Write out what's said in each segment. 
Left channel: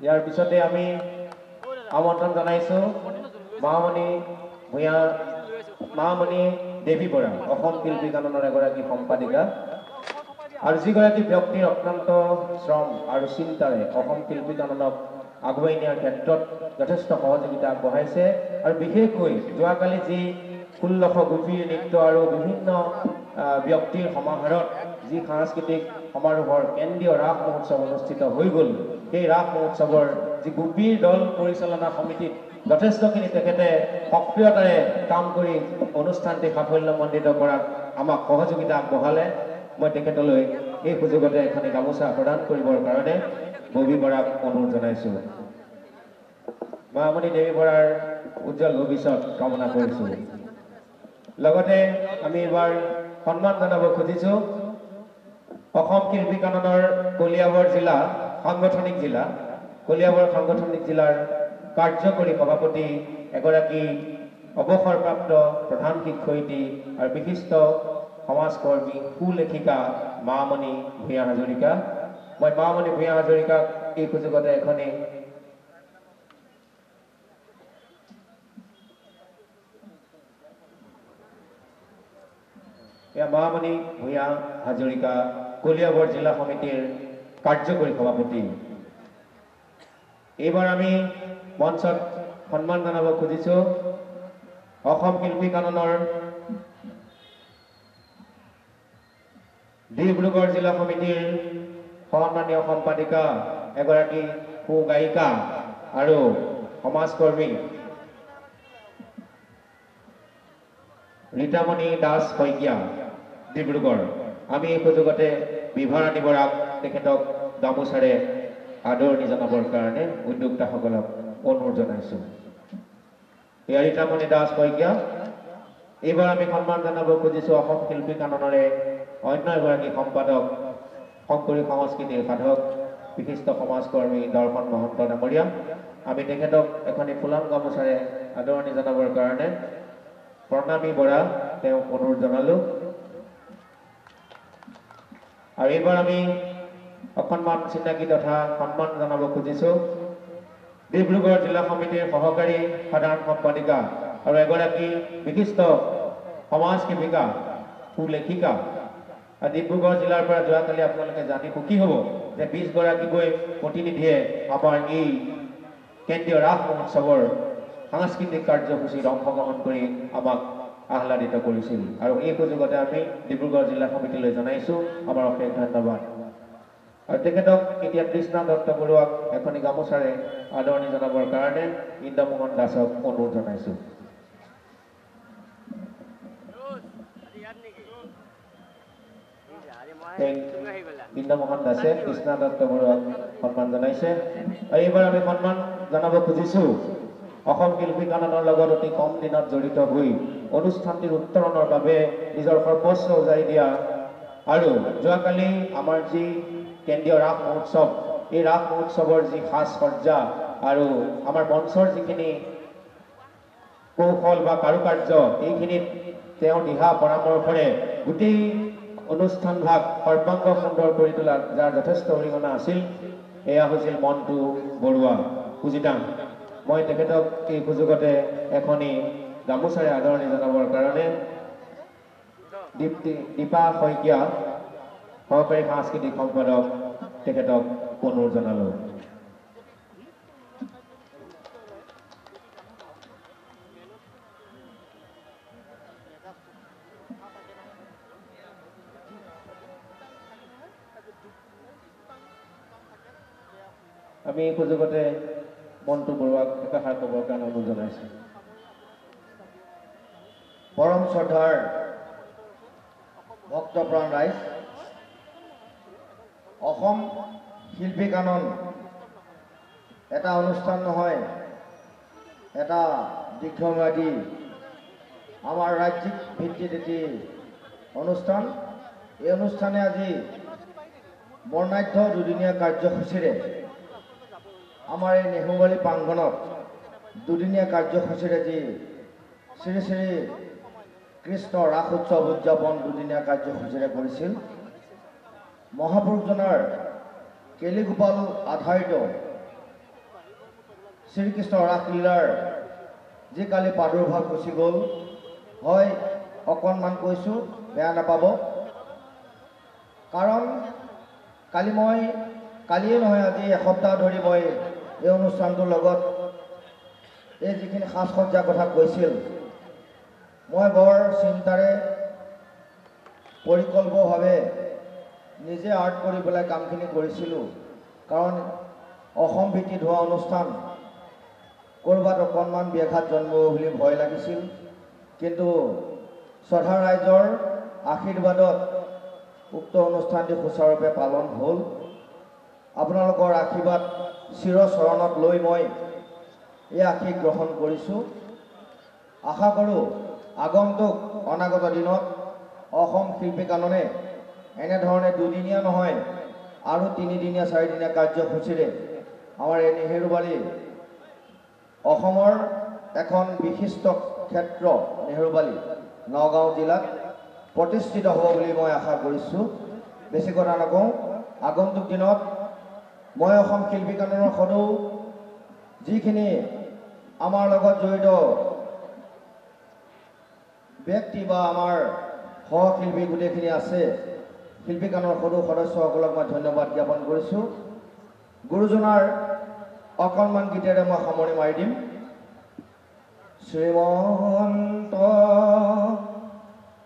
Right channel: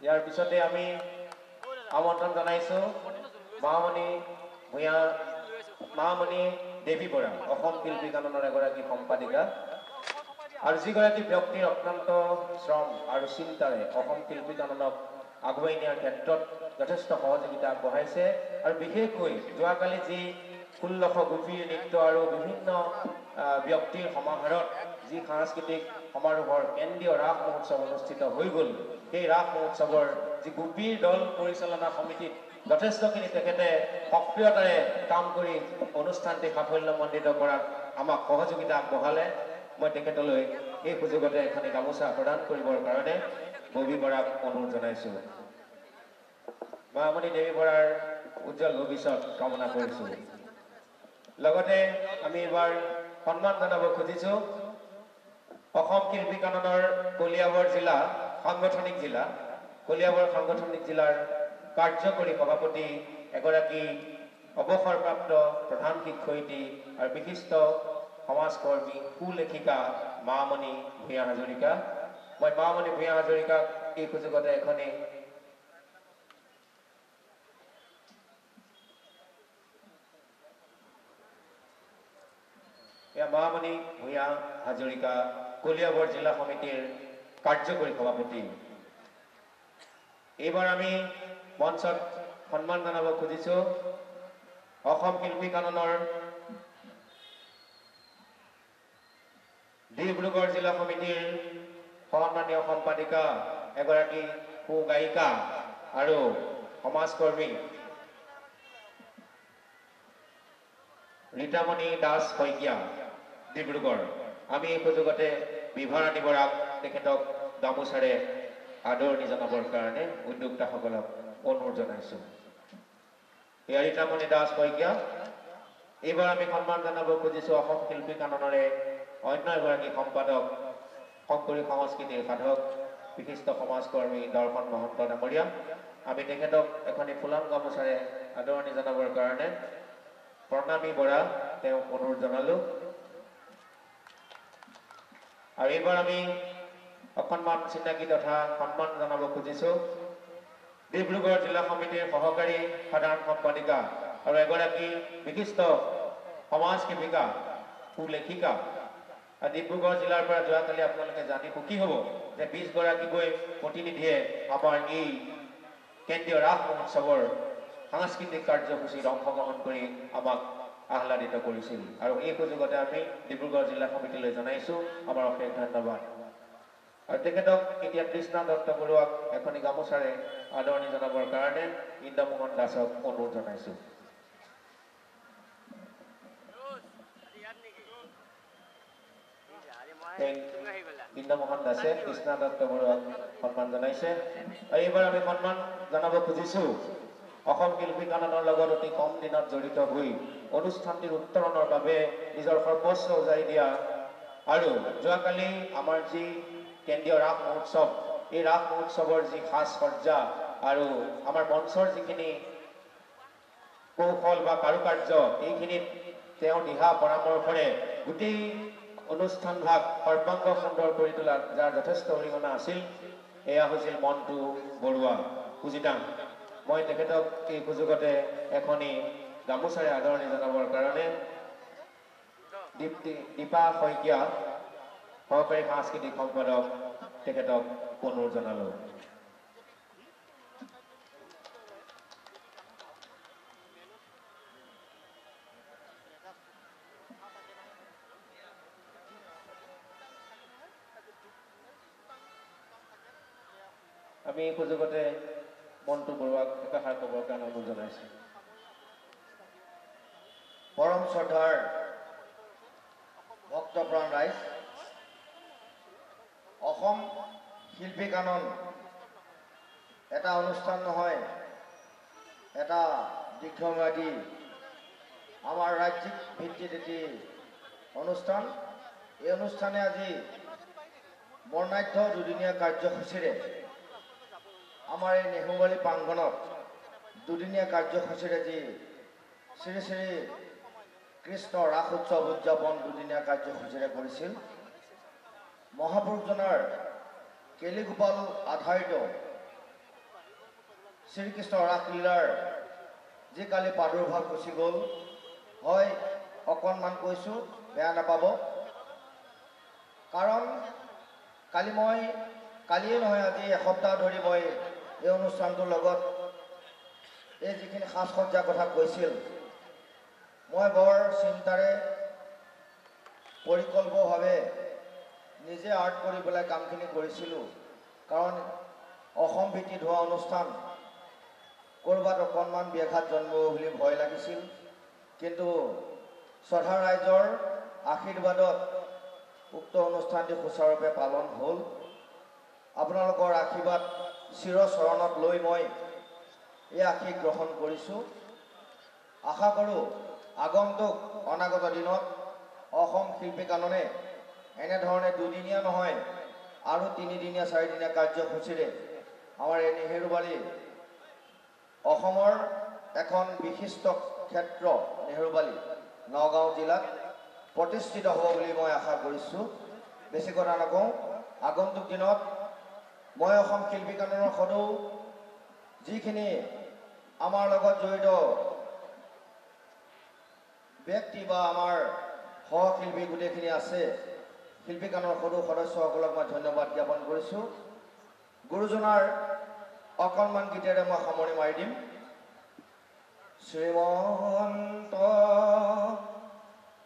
ইয়াৰ পিছতে আমি আমন্ত্ৰণ জনাইছোঁ মামণি ভূঞা মামণি দেৱী বৰা অসম শিল্পী কাননৰ এগৰাকী সম্পাদিকা আৰু যিগৰাকী ব্যক্তিৰ অত্যন্ত শ্ৰম আৰু চিন্তাৰে অসম শিল্পী কাননক আগুৱাই নিয়াৰ ক্ষেত্ৰত যথেষ্ট সহযোগিতা আগবঢ়াইছে আৰু বিশেষকৈ যোৱাকালি যি 1600 গোপীৰ নৃত্য আৰু বিভিন্ন ব্যক্তিৰ সমাহাৰত যি সাংস্কৃতিক সমাৰোহৰ কেন্দ্ৰীয় ৰাস মহোৎসৱ অনুষ্ঠিত হৈ গ'ল সেই ৰাস মহোৎসৱৰ যি গোপীৰ দল পৰিচালনা সমিতিত যথেষ্টখিনি তেখেতে সক্ৰিয়তাৰে কাম কৰি অনুষ্ঠানটি সাফল্যমণ্ডিত কৰাত আমাক সহযোগিতা আগবঢ়ালে মই তেখেতলৈ এই সুযোগতে এখন গামোচা প্ৰদান কৰিবৰ কাৰণে ববী বৰাক অনুৰোধ জনাইছোঁ মামণি দেৱী বৰাৰ উজ্জ্বল ভৱিষ্যত কামনা কৰিছোঁ লগতে আমি এবাৰ সন্মান জনাব খুজিছোঁ অসম শিল্পী কাননৰ কলিয়াবৰ জিলা সাংগঠনিক জিলা কলিয়াবৰ সাংগঠনিক জিলাৰ কাৰ্যকৰী সভাপতি এগৰাকী অৱসৰপ্ৰাপ্ত প্ৰধান শিক্ষয়িত্ৰী আৰু বিশিষ্ট সমাজকৰ্মী সুলেখিকা মামণি ভূঞা হাজৰিকা মই মামণি ভূঞা হাজৰিকাক এই সুযোগতে এখনি মামণি ভূঞা হাজৰিকা কলিয়াবৰ জিলা সমিতিৰ কাৰ্যকৰী সভাপতি এইবাৰ আমি মঞ্চত সন্মান জনাব খুজিছোঁ অসম শিল্পী কাননৰ ডিব্ৰুগড় জিলা সমিতিৰ সন্মানীয় সম্পাদিকা এগৰাকী সুগায়িকা আৰু সমাজকৰ্মী ৰীতামণি দাস শইকীয়া ডিব্ৰুগড় আমি এই সুযোগতে বিভাৰাণী বৰাক তেখেতক গামোচাৰে আদৰণি জনাবৰ কাৰণে উদ্যোক্তাসকলক অনুৰোধ জনাইছোঁ এয়া ৰীতামণি দাস শইকীয়া এইবাৰ আমি সন্মান জনাব খুজিছোঁ অসম শিল্পী কাননৰে অন্য এগৰাকী সম্পাদক শংকৰী সংস্কৃতিৰ সাধক বিশিষ্ট সমাজকৰ্মী দৰ্শন মহন্ত ডাঙৰীয়া আমি তেখেতক এখনি ফুলাম গামোচাৰে আদৰণি জনাবৰ কাৰণে প্ৰণামী বৰা তেওঁক অনুৰোধ জনালোঁ আৰু এইবাৰ আমি অকণমান চিনাকি তথা সন্মান জনাব খুজিছোঁ ডিব্ৰুগড় জিলা সমিতিৰ সহকাৰী সাধাৰণ সম্পাদিকা আৰু এগৰাকী বিশিষ্ট সমাজ সেৱিকা সুলেখিকা ডিব্ৰুগড় জিলাৰ পৰা যোৱাকালি আপোনালোকে জানি সুখী হ'ব যে 20 গৰাকীকৈ প্ৰতিনিধিয়ে আমাৰ এই কেন্দ্ৰীয় ৰাস মহোৎসৱৰ সাংস্কৃতিক কাৰ্যসূচীত অংশগ্ৰহণ কৰি আমাক আহ্লাদিত কৰিছিল আৰু এই সুযোগতে আমি ডিব্ৰুগড় জিলা সমিতিলৈ জনাইছোঁ আমাৰ অশেষ ধন্যবাদ আৰু তেখেতক এতিয়া কৃষ্ণা দত্ত বৰুৱাক এখনি গামোচাৰে আদৰণি জনাবৰ কাৰণে ইন্দ্ৰমোহন দাসক অনুৰোধ জনাইছোঁ ইন্দ্ৰমোহন দাসে কৃষ্ণা দত্ত বৰুৱাক সন্মান জনাইছে আৰু এইবাৰ আমি সন্মান জনাব খুজিছোঁ অসম শিল্পী কাননৰ লগত অতি কম দিনত জড়িত হৈ অনুষ্ঠানটিৰ উত্তৰণৰ বাবে নিজৰ সৰ্বস্ব উজাৰি দিয়া আৰু যোৱাকালি আমাৰ যি কেন্দ্ৰীয় ৰাস মহোৎসৱ এই ৰাস মহোৎসৱৰ যি সাজ সজ্জা আৰু আমাৰ মঞ্চৰ যিখিনি কৌশল বা কাৰুকাৰ্য এইখিনিত তেওঁ দিহা পৰামৰ্শৰে গোটেই অনুষ্ঠান ভাগ সৰ্বাংগ সুন্দৰ কৰি তোলাত যাৰ যথেষ্ট অৰিহণা আছিল এয়া হৈছিল মণ্টু বৰুৱা পূজিতাং মই তেখেতক এই সুযোগতে এখনি গামোচাৰে আদৰণি জনাবৰ কাৰণে দীপা শইকীয়া সহকাৰী সাংস্কৃতিক সম্পাদক তেখেতক অনুৰোধ জনালোঁ আমি এই সুযোগতে মণ্টু বৰুৱাক একাষাৰ ক'বৰ কাৰণে অনুৰোধ জনাইছোঁ পৰম শ্ৰদ্ধাৰ ভক্তপ্ৰাণ ৰাইজ অসম শিল্পী কানন এটা অনুষ্ঠান নহয় এটা দীৰ্ঘম্যাদী আমাৰ ৰাজ্যিক ভিত্তিত এটি অনুষ্ঠান এই অনুষ্ঠানে আজি বৰ্ণাঢ্য দুদিনীয়া কাৰ্যসূচীৰে আমাৰ এই নেহুৱালী প্ৰাংগণত দুদিনীয়া কাৰ্যসূচীৰে যি শ্ৰী শ্ৰী কৃষ্ণ ৰাস উৎসৱ উদযাপন দুদিনীয়া কাৰ্যসূচীৰে কৰিছিল মহাপুৰুষজনাৰ কেলিগোপাল আধাৰিত শ্ৰীকৃষ্ণ ৰাসলীলাৰ যি কালি প্ৰাদুৰ্ভাৱ গুচি গ'ল, হয় অকণমান কৈছোঁ, বেয়া নাপাব। কাৰণ কালিয়ে নহয়, আজি এসপ্তাহ ধৰি মই এই অনুষ্ঠানটোৰ লগত এই যিখিনি সাজ সজ্জাৰ কথা কৈছিল, মই বৰ চিন্তাৰে পৰিকল্পভাৱে নিজে আৰ্ট কৰি পেলাই কামখিনি কৰিছিলোঁ। কাৰণ অসম ভিত্তিত হোৱা অনুষ্ঠান, ক'ৰবাত অকণমান ব্যাঘাত জন্ম বুলি ভয় লাগিছিল। কিন্তু শ্ৰদ্ধা ৰাইজৰ আশীৰ্বাদত উক্ত অনুষ্ঠানটি সুচাৰুৰূপে পালন হ'ল। আপোনালোকৰ আশীৰ্বাদ চিৰচৰণত লৈ মই এই আশীষ গ্ৰহণ কৰিছোঁ। আশা কৰোঁ আগন্তুক অনাগত দিনত অসম শিল্পী কাননে এনেধৰণে দুদিনীয়া নহয় আৰু 3 দিনীয়া 4 দিনীয়া কাৰ্যসূচীৰে আমাৰ এই নেহেৰুবালি অসমৰ এখন বিশিষ্ট ক্ষেত্ৰ নেহেৰুবালি নগাঁও জিলাত প্ৰতিষ্ঠিত হ'ব বুলি মই আশা কৰিছোঁ। বেছি কথা নকওঁ, আগন্তুক দিনত মই অসম শিল্পী কাননৰ সদৌ যিখিনি আমাৰ লগত জড়িত ব্যক্তি বা আমাৰ সহশিল্পী গোটেইখিনি আছে, শিল্পী কাননৰ সদৌ সদস্যসকলক মই ধন্যবাদ জ্ঞাপন কৰিছোঁ। গুৰুজনাৰ অকণমান গীতেৰে মই সামৰণি মাৰি দিম। শ্ৰীমন্ত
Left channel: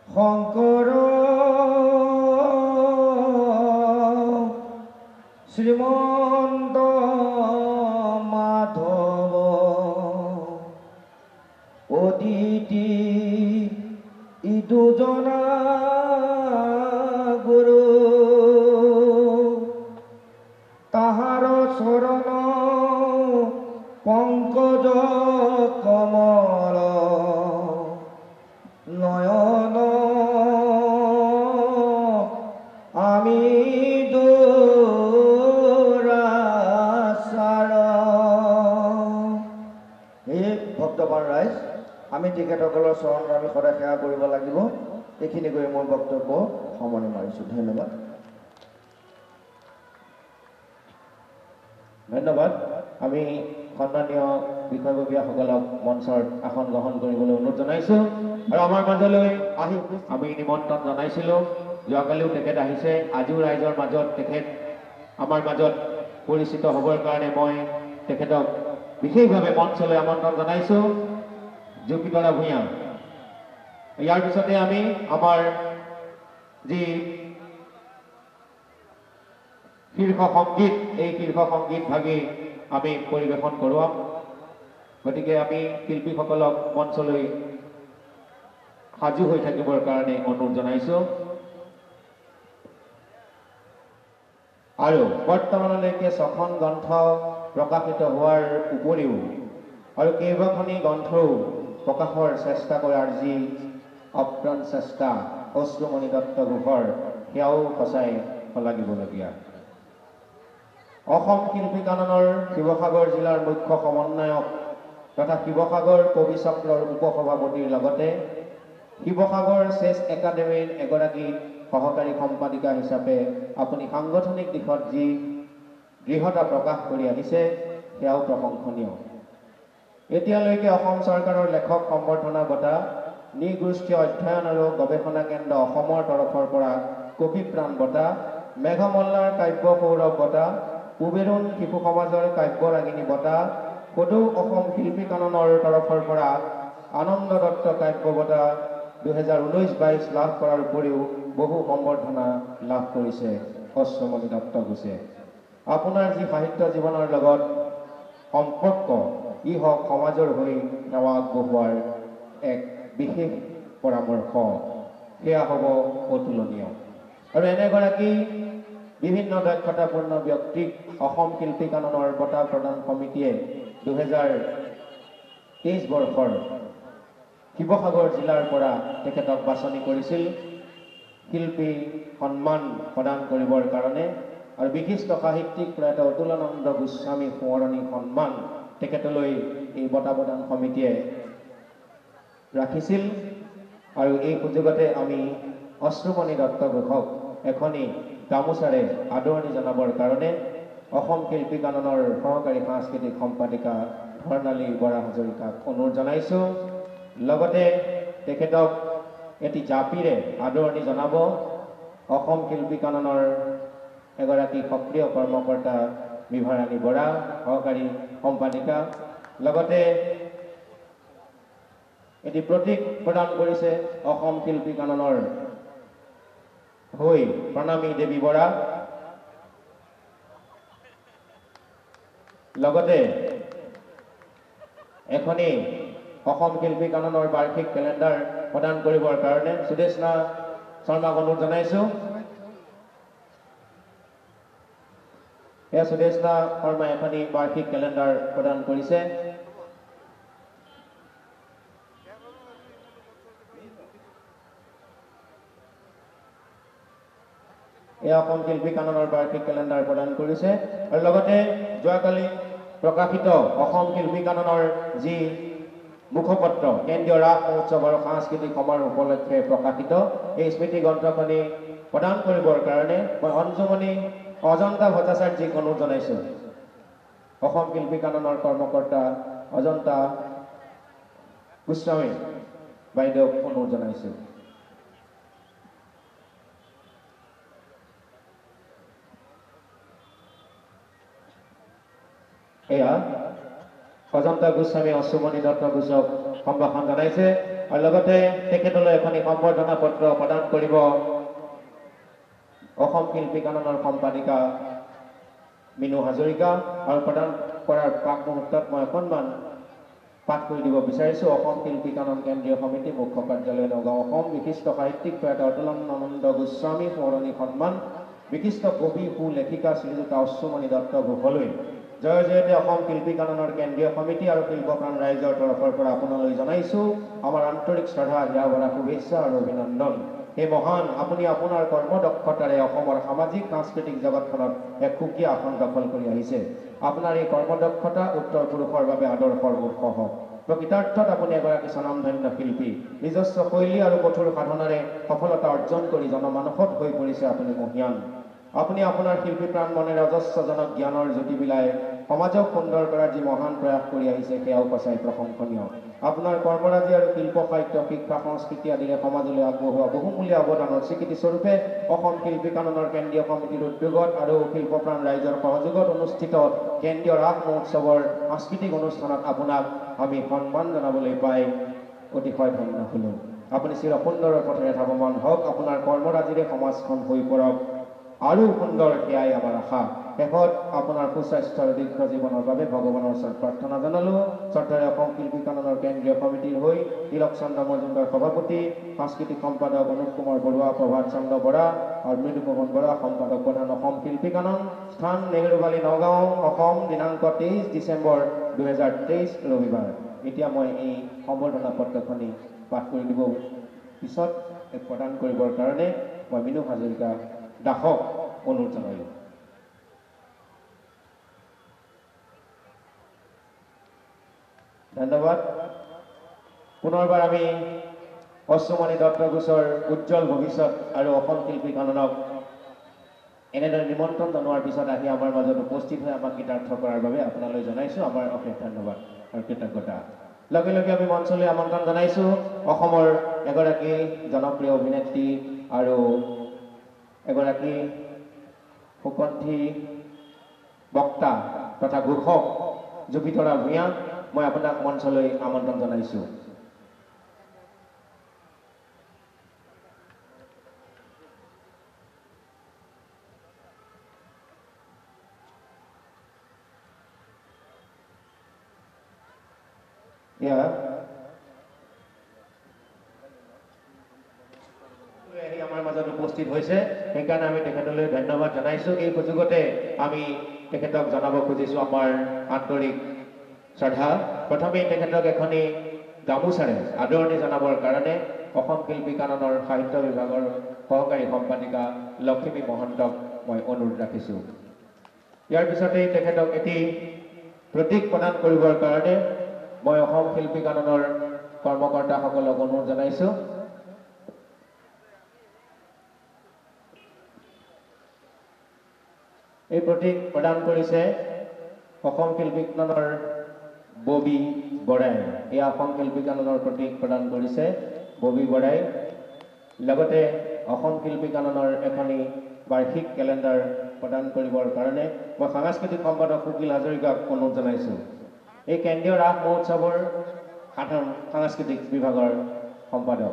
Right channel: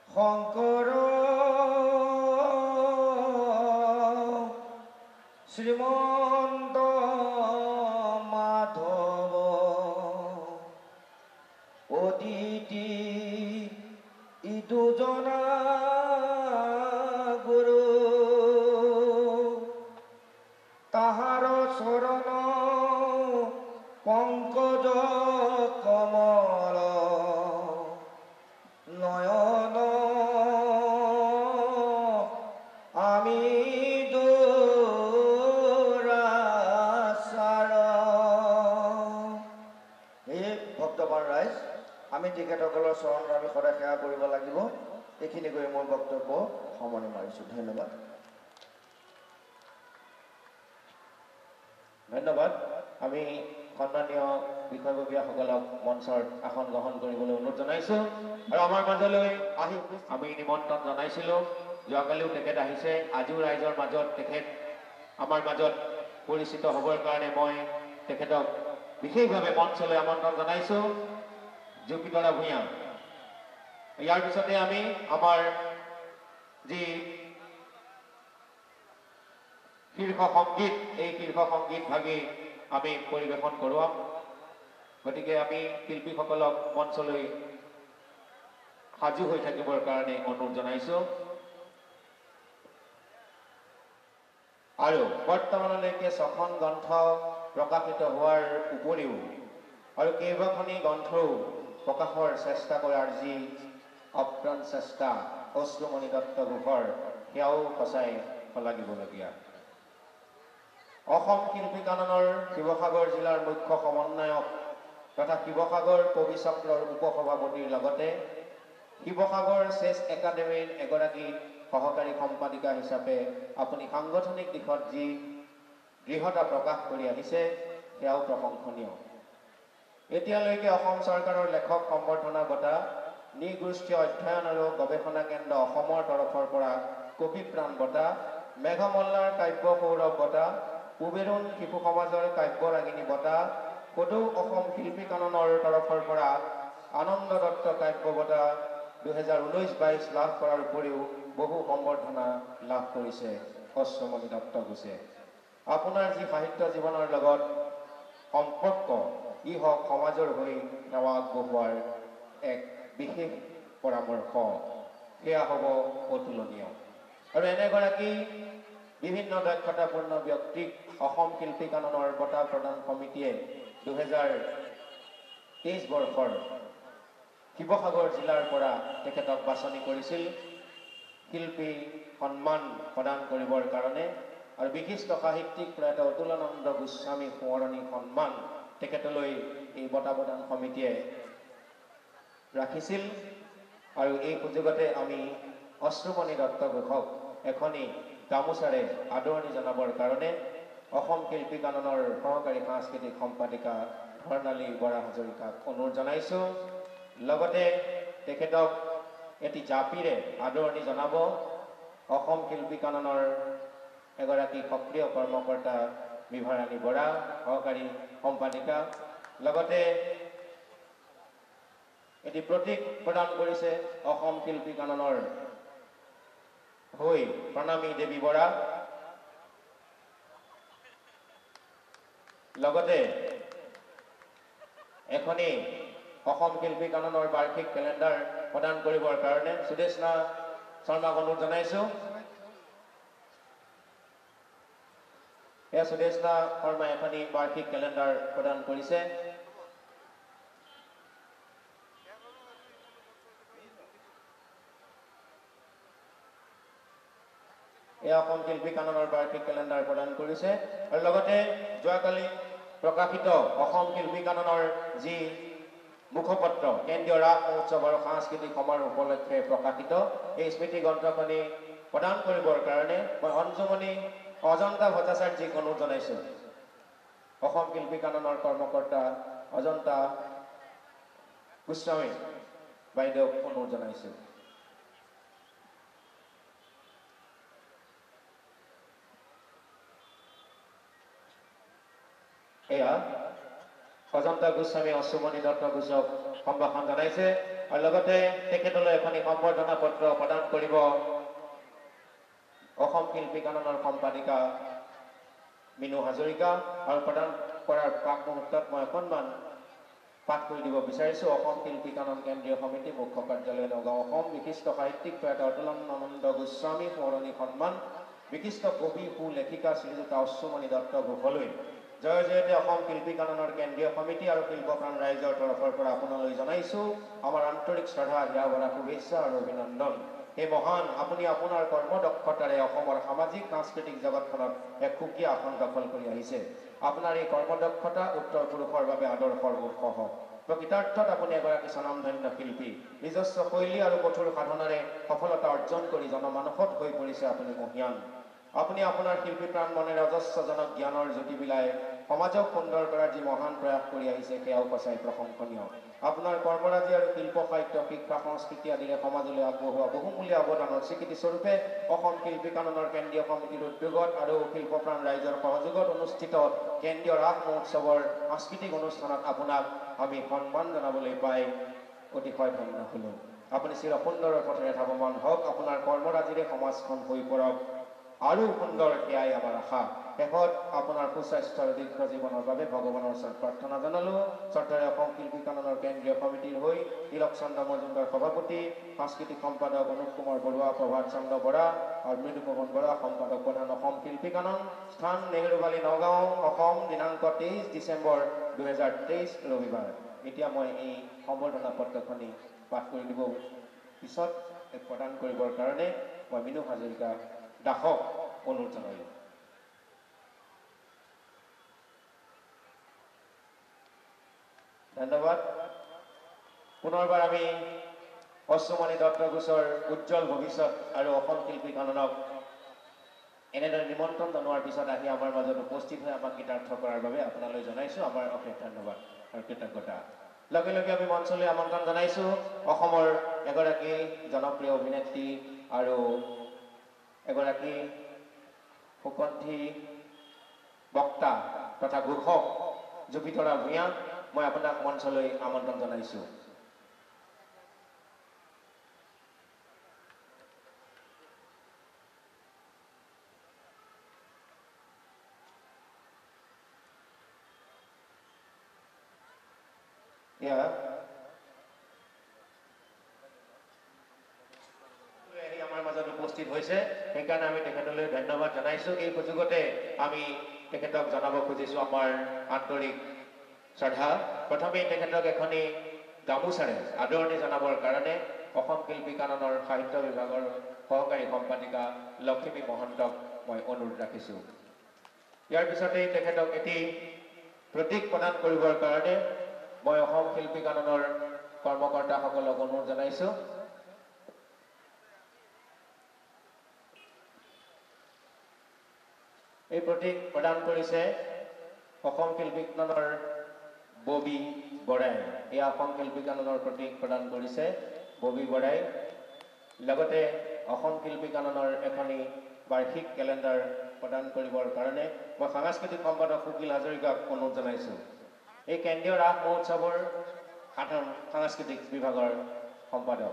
শংকৰ শ্ৰীমন্ত মাধৱ অদিতি ই দুজনা গুৰু, তাহাৰ চৰণ পংকজ কমল নয়ন আমি দুৰাচাৰ। এই ভক্তবান ৰাইজ, আমি তেখেতসকলৰ চৰণত আমি সদায় সেৱা কৰিব লাগিব। এইখিনি কৰি মই বক্তব্য সামৰণি মাৰিছোঁ। ধন্যবাদ। ধন্যবাদ। আমি সন্মানীয় বিষয়ববীয়াসকলক মঞ্চৰ আসন গ্ৰহণ কৰিবলৈ অনুৰোধ জনাইছোঁ। আৰু আমাৰ মাজলৈ আহি আমি নিমন্ত্ৰণ জনাইছিলোঁ, যোৱাকালিও তেখেত আহিছে, আজিও ৰাইজৰ মাজত তেখেত আমাৰ মাজত পৰিচিত হ'বৰ কাৰণে মই তেখেতক বিশেষভাৱে মঞ্চলৈ আমন্ত্ৰণ জনাইছোঁ। জুপিতৰা ভূঞা। ইয়াৰ পিছতে আমি আমাৰ যি শীৰ্ষ সংগীত, এই শীৰ্ষ সংগীত ভাগি আমি পৰিৱেশন কৰোৱাম। গতিকে আমি শিল্পীসকলক মঞ্চলৈ সাজু হৈ থাকিবৰ কাৰণে অনুৰোধ জনাইছোঁ। আৰু বৰ্তমানলৈকে 6খন গ্ৰন্থ প্ৰকাশিত হোৱাৰ উপৰিও আৰু কেইবাখনি গ্ৰন্থও প্ৰকাশৰ চেষ্টা কৰাৰ যি অপ্ৰাণ চেষ্টা অশ্ৰুমণি দত্ত ঘোষৰ, সেয়াও সঁচাই শলাগিবলগীয়া। অসম শিল্পী কাননৰ শিৱসাগৰ জিলাৰ মুখ্য সমন্বয়ক তথা শিৱসাগৰ কবি চক্ৰৰ উপসভাপতিৰ লগতে শিৱসাগৰ চেছ একাডেমীৰ এগৰাকী সহকাৰী সম্পাদিকা হিচাপে আপুনি সাংগঠনিক দিশত যি দৃঢ়তা প্ৰকাশ কৰি আহিছে, সেয়াও প্ৰশংসনীয়। এতিয়ালৈকে অসম চৰকাৰৰ লেখক সম্বৰ্ধনা বঁটা, নৃগোষ্ঠীয় অধ্যয়ন আৰু গৱেষণা কেন্দ্ৰ অসমৰ তৰফৰ পৰা কবি প্ৰাণ বঁটা, মেঘমল্লাৰ কাব্য সৌৰভ বঁটা, পুবেৰুণ শিশু সমাজৰ কাব্য ৰাগিনী বঁটা, সদৌ অসম শিল্পী কাননৰ তৰফৰ পৰা আনন্দ দত্ত কাব্য বঁটা 2019-22 লাভ কৰাৰ উপৰিও বহু সম্বৰ্ধনা লাভ কৰিছে অশ্ৰুমণি দত্ত ঘোষে। আপোনাৰ যি সাহিত্য জীৱনৰ লগত সম্পৰ্ক, ই হওক সমাজৰ হৈ সেৱা আগবঢ়োৱাৰ এক বিশেষ পৰামৰ্শ, সেয়া হ'ব অতুলনীয়। আৰু এনেগৰাকী বিভিন্ন দক্ষতাপূৰ্ণ ব্যক্তিক অসম শিল্পী কাননৰ বঁটা প্ৰদান সমিতিয়ে 2023 বৰ্ষৰ শিৱসাগৰ জিলাৰ পৰা তেখেতক বাছনি কৰিছিল শিল্পী সন্মান প্ৰদান কৰিবৰ কাৰণে। আৰু বিশিষ্ট সাহিত্যিক প্ৰয়াত অতুলানন্দ গোস্বামী সোঁৱৰণী সন্মান তেখেতলৈ এই বঁটা প্ৰদান সমিতিয়ে ৰাখিছিল। আৰু এই সুযোগতে আমি অশ্ৰুমণি দত্ত ঘোষক এখনি গামোচাৰে আদৰণি জনাবৰ কাৰণে অসম শিল্পী কাননৰ সহকাৰী সাংস্কৃতিক সম্পাদিকা ধৰ্ণালী বৰা হাজৰিকাক অনুৰোধ জনাইছোঁ। লগতে তেখেতক এটি জাপিৰে আদৰণি জনাব অসম শিল্পী কাননৰ এগৰাকী সক্ৰিয় কৰ্মকৰ্তা বিভাৰাণী বৰা সহকাৰী সম্পাদিকা। লগতে এটি প্ৰতীক প্ৰদান কৰিছে অসম শিল্পী কাননৰ হৈ প্ৰণামী দেৱী বৰা। লগতে এখনি অসম শিল্পী কাননৰ বাৰ্ষিক কেলেণ্ডাৰ প্ৰদান কৰিবৰ কাৰণে সুদেশনা শৰ্মাক অনুৰোধ জনাইছোঁ। এয়া সুদেশনা শৰ্মাই এখনি বাৰ্ষিক কেলেণ্ডাৰ প্ৰদান কৰিছে। এয়া অসম শিল্পী কাননৰ বাৰ্ষিক কেলেণ্ডাৰ প্ৰদান কৰিছে। আৰু লগতে যোৱাকালি প্ৰকাশিত অসম শিল্পী কাননৰ যি মুখপত্ৰ কেন্দ্ৰীয় ৰাস মহোৎসৱ আৰু সাংস্কৃতিক সমাৰোহ উপলক্ষে প্ৰকাশিত এই স্মৃতি গ্ৰন্থখনি প্ৰদান কৰিবৰ কাৰণে মই অঞ্জুমণি অজন্তা ভট্টাচাৰ্যক অনুৰোধ জনাইছোঁ। অসম শিল্পী কাননৰ কৰ্মকৰ্তা অজন্তা গোস্বামী বাইদেউক অনুৰোধ জনাইছোঁ। এয়া অজন্তা গোস্বামী অশ্বমণি দত্ত ঘোষক সম্ভাষণ জনাইছে। আৰু লগতে তেখেতলৈ এখনি সম্বৰ্ধনা পত্ৰ প্ৰদান কৰিব অসম শিল্পী কাননৰ সম্পাদিকা মিনু হাজৰিকা। আৰু প্ৰদান কৰাৰ প্ৰাক মুহূৰ্তত মই অকণমান পাঠ কৰি দিব বিচাৰিছোঁ। অসম শিল্পী কানন কেন্দ্ৰীয় সমিতি মুখ্য কাৰ্যালয় নগাঁও অসম বিশিষ্ট সাহিত্যিক প্ৰয়াত অতুলানন্দ গোস্বামী সোঁৱৰণী সন্মান বিশিষ্ট কবি সুলেখিকা শ্ৰীযুতা অশ্বমণি দত্ত ঘোষলৈ জয় জয়তে অসম শিল্পী কাননৰ কেন্দ্ৰীয় সমিতি আৰু শিল্পপ্ৰাণ ৰাইজৰ তৰফৰ পৰা আপোনালৈ জনাইছোঁ আমাৰ আন্তৰিক শ্ৰদ্ধা হিয়া ভৰা শুভেচ্ছা আৰু অভিনন্দন। হে মহান, আপুনি আপোনাৰ কৰ্মদক্ষতাৰে অসমৰ সামাজিক সাংস্কৃতিক জগতখনত এক সুকীয়া আসন দখল কৰি আহিছে। আপোনাৰ এই কৰ্মদক্ষতা উত্তৰ পুৰুষৰ বাবে আদৰ্শৰ উৎস হওক। প্ৰকৃতাৰ্থত আপুনি এগৰাকী স্বনামধন্য শিল্পী। নিজস্ব শৈলী আৰু কঠোৰ সাধনাৰে সফলতা অৰ্জন কৰি জনমানসত হৈ পৰিছে আপুনি মহিয়ান। আপুনি আপোনাৰ শিল্পী প্ৰাণ মনেৰে অজস্ৰজনক জ্ঞানৰ জ্যোতি বিলাই সমাজক সুন্দৰ কৰাৰ যি মহান প্ৰয়াস কৰি আহিছে সেয়াও সঁচাই প্ৰশংসনীয়। আপোনাৰ কৰ্মৰাজি আৰু শিল্প সাহিত্য শিক্ষা সংস্কৃতি আদিৰে সমাজলৈ আগবঢ়োৱা বহুমূলীয়া অৱদানৰ স্বীকৃতি স্বৰূপে অসম শিল্পী কাননৰ কেন্দ্ৰীয় সমিতিৰ উদ্যোগত আৰু শিল্পপ্ৰাণ ৰাইজৰ সহযোগত অনুষ্ঠিত কেন্দ্ৰীয় ৰাস মহোৎসৱৰ সাংস্কৃতিক অনুষ্ঠানত আপোনাক আমি সন্মান জনাবলৈ পাই অতিশয় ধন্য হ'লোঁ। আপুনি চিৰ সুন্দৰৰ পথেৰে ধাৱমান হওক। আপোনাৰ কৰ্মৰাজিৰে সমাজখন হৈ পৰক আৰু সুন্দৰ, সেয়াই আমাৰ আশা। শেষত আপোনাৰ সুস্বাস্থ্য আৰু দীৰ্ঘ জীৱনৰ বাবে ভগৱানৰ ওচৰত প্ৰাৰ্থনা জনালোঁ। শ্ৰদ্ধাৰে অসম শিল্পী কাননৰ কেন্দ্ৰীয় সমিতিৰ হৈ তিলক চন্দ্ৰ মজুমদাৰ সভাপতি, সাংস্কৃতিক সম্পাদক অনুপ কুমাৰ বৰুৱা, প্ৰভাত চন্দ্ৰ বৰা আৰু মৃদুমোহন বৰা সম্পাদক প্ৰধান অসম শিল্পী কানন, স্থান নেহেৰুবালি নগাঁও অসম, দিনাংক 23 ডিচেম্বৰ 2023 ৰবিবাৰ। এতিয়া মই এই সম্বৰ্ধনা পত্ৰখনি পাঠ কৰি দিব পিছত প্ৰদান কৰিবৰ কাৰণে মই মিনু হাজৰিকা দাসক অনুৰোধ জনালোঁ। ধন্যবাদ। পুনৰবাৰ আমি অশ্বমণি দত্ত ঘোষৰ উজ্জ্বল ভৱিষ্যত আৰু অসম শিল্পী কাননক এনেদৰে নিমন্ত্ৰণ জনোৱাৰ পিছত আহি আমাৰ মাজত উপস্থিত হৈ আমাক কৃতাৰ্থ কৰাৰ বাবে আপোনালৈ জনাইছোঁ আমাৰ অশেষ ধন্যবাদ আৰু কৃতজ্ঞতা। লগে লগে আমি মঞ্চলৈ আমন্ত্ৰণ জনাইছোঁ অসমৰ এগৰাকী জনপ্ৰিয় অভিনেত্ৰী আৰু এগৰাকী সুকণ্ঠী বক্তা তথা ঘোষক জুপিতৰা ভূঞা। মই আপোনাক মঞ্চলৈ আমন্ত্ৰণ জনাইছোঁ। আমাৰ মাজত উপস্থিত হৈছে, সেইকাৰণে আমি তেখেতলৈ ধন্যবাদ জনাইছোঁ। এই সুযোগতে আমি তেখেতক জনাব খুজিছোঁ আমাৰ আন্তৰিক শ্ৰদ্ধা। প্ৰথমে তেখেতক এখনি গামোচাৰে আদৰণি জনাবৰ কাৰণে অসম শিল্পী কাননৰ সাহিত্য বিভাগৰ সহকাৰী সম্পাদিকা লক্ষ্মী মহন্তক মই অনুৰোধ ৰাখিছোঁ। ইয়াৰ পিছতেই তেখেতক এটি প্ৰতীক প্ৰদান কৰিবৰ কাৰণে মই অসম শিল্পী কাননৰ কৰ্মকৰ্তাসকলক অনুৰোধ জনাইছোঁ। এই প্ৰতীক প্ৰদান কৰিছে অসম শিল্পী কাননৰ ববি বৰাই। এই অসম শিল্পী কাননৰ প্ৰতীক প্ৰদান কৰিছে ববি বৰাই। লগতে অসম শিল্পী কাননৰ এখনি বাৰ্ষিক কেলেণ্ডাৰ প্ৰদান কৰিবৰ কাৰণে মই সাংস্কৃতিক সম্পাদক কুকিল হাজৰিকাক অনুৰোধ জনাইছোঁ। এই কেন্দ্ৰীয় ৰাস মহোৎসৱৰ সাধাৰণ সাংস্কৃতিক বিভাগৰ সম্পাদক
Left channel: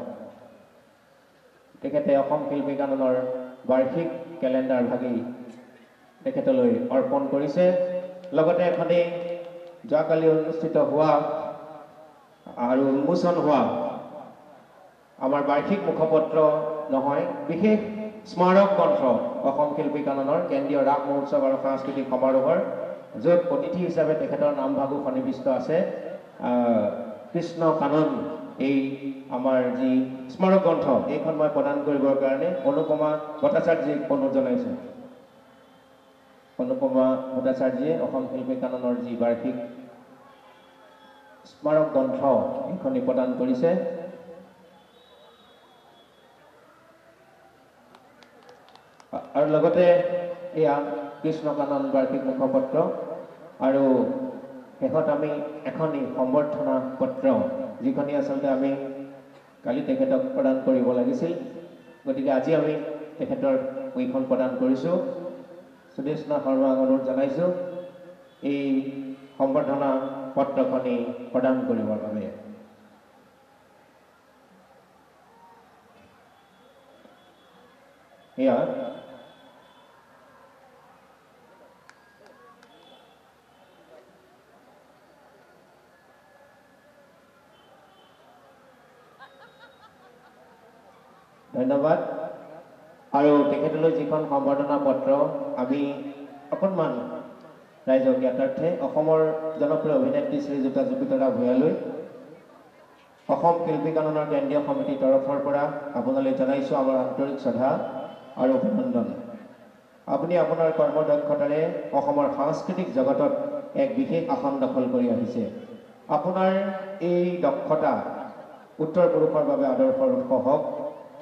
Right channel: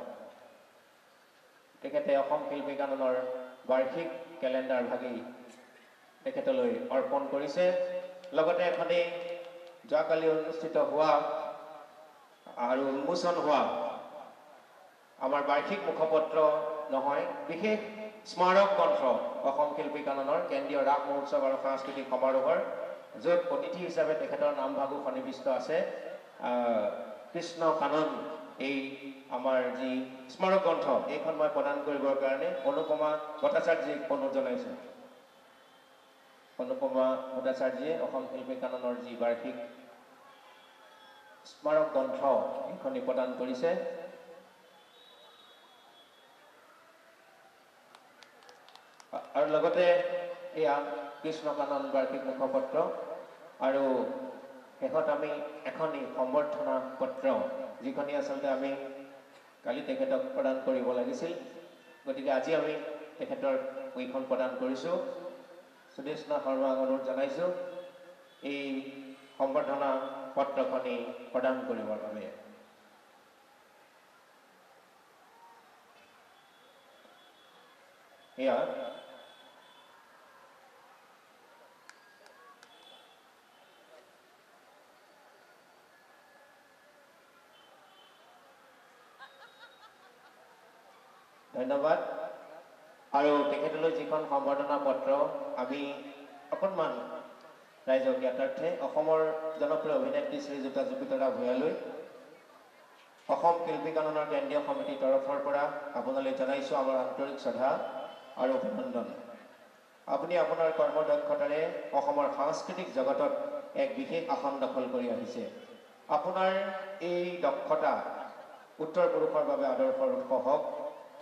তেখেতে অসম শিল্পী কাননৰ বাৰ্ষিক কেলেণ্ডাৰ ভাগি তেখেতলৈ অৰ্পণ কৰিছে। লগতে এখনি যোৱাকালি অনুষ্ঠিত হোৱা আৰু উন্মোচন হোৱা আমাৰ বাৰ্ষিক মুখপত্ৰ নহয়, বিশেষ স্মাৰক গ্ৰন্থ অসম শিল্পী কাননৰ কেন্দ্ৰীয় ৰাস মহোৎসৱ আৰু সাংস্কৃতিক সমাৰোহৰ, য'ত অতিথি হিচাপে তেখেতৰ নামভাগো সন্নিৱিষ্ট আছে। কৃষ্ণ কানন এই আমাৰ যি স্মাৰক গ্ৰন্থ এইখন মই প্ৰদান কৰিবৰ কাৰণে অনুপমা ভট্টাচাৰ্যক অনুৰোধ জনাইছোঁ। অনুপমা ভট্টাচাৰ্যে অসম শিল্পী কাননৰ যি বাৰ্ষিক স্মাৰক গ্ৰন্থ এইখনি প্ৰদান কৰিছে। আৰু লগতে এয়া কৃষ্ণ কানন বাৰ্ষিক মুখপত্ৰ আৰু শেষত আমি এখনি সম্বৰ্ধনা পত্ৰ যিখনি আচলতে আমি কালি তেখেতক প্ৰদান কৰিব লাগিছিল, গতিকে আজি আমি তেখেতৰ এইখন প্ৰদান কৰিছোঁ। সুদেশনা শৰ্মাক অনুৰোধ জনাইছোঁ এই সম্বৰ্ধনা পত্ৰখনি প্ৰদান কৰিবৰ বাবে। এয়া ধন্যবাদ। আৰু তেখেতলৈ যিখন সম্বৰ্ধনা পত্ৰ আমি অকণমান ৰাইজক জ্ঞাতাৰ্থে অসমৰ জনপ্ৰিয় অভিনেত্ৰী শ্ৰীযুতা জুপিতৰা ভূঞালৈ অসম শিল্পী কাননৰ কেন্দ্ৰীয় সমিতিৰ তৰফৰ পৰা আপোনালৈ জনাইছোঁ আমাৰ আন্তৰিক শ্ৰদ্ধা আৰু অভিনন্দন। আপুনি আপোনাৰ কৰ্মদক্ষতাৰে অসমৰ সাংস্কৃতিক জগতত এক বিশেষ আসন দখল কৰি আহিছে। আপোনাৰ এই দক্ষতা উত্তৰ পুৰুষৰ বাবে আদৰ্শৰ উৎস হওক।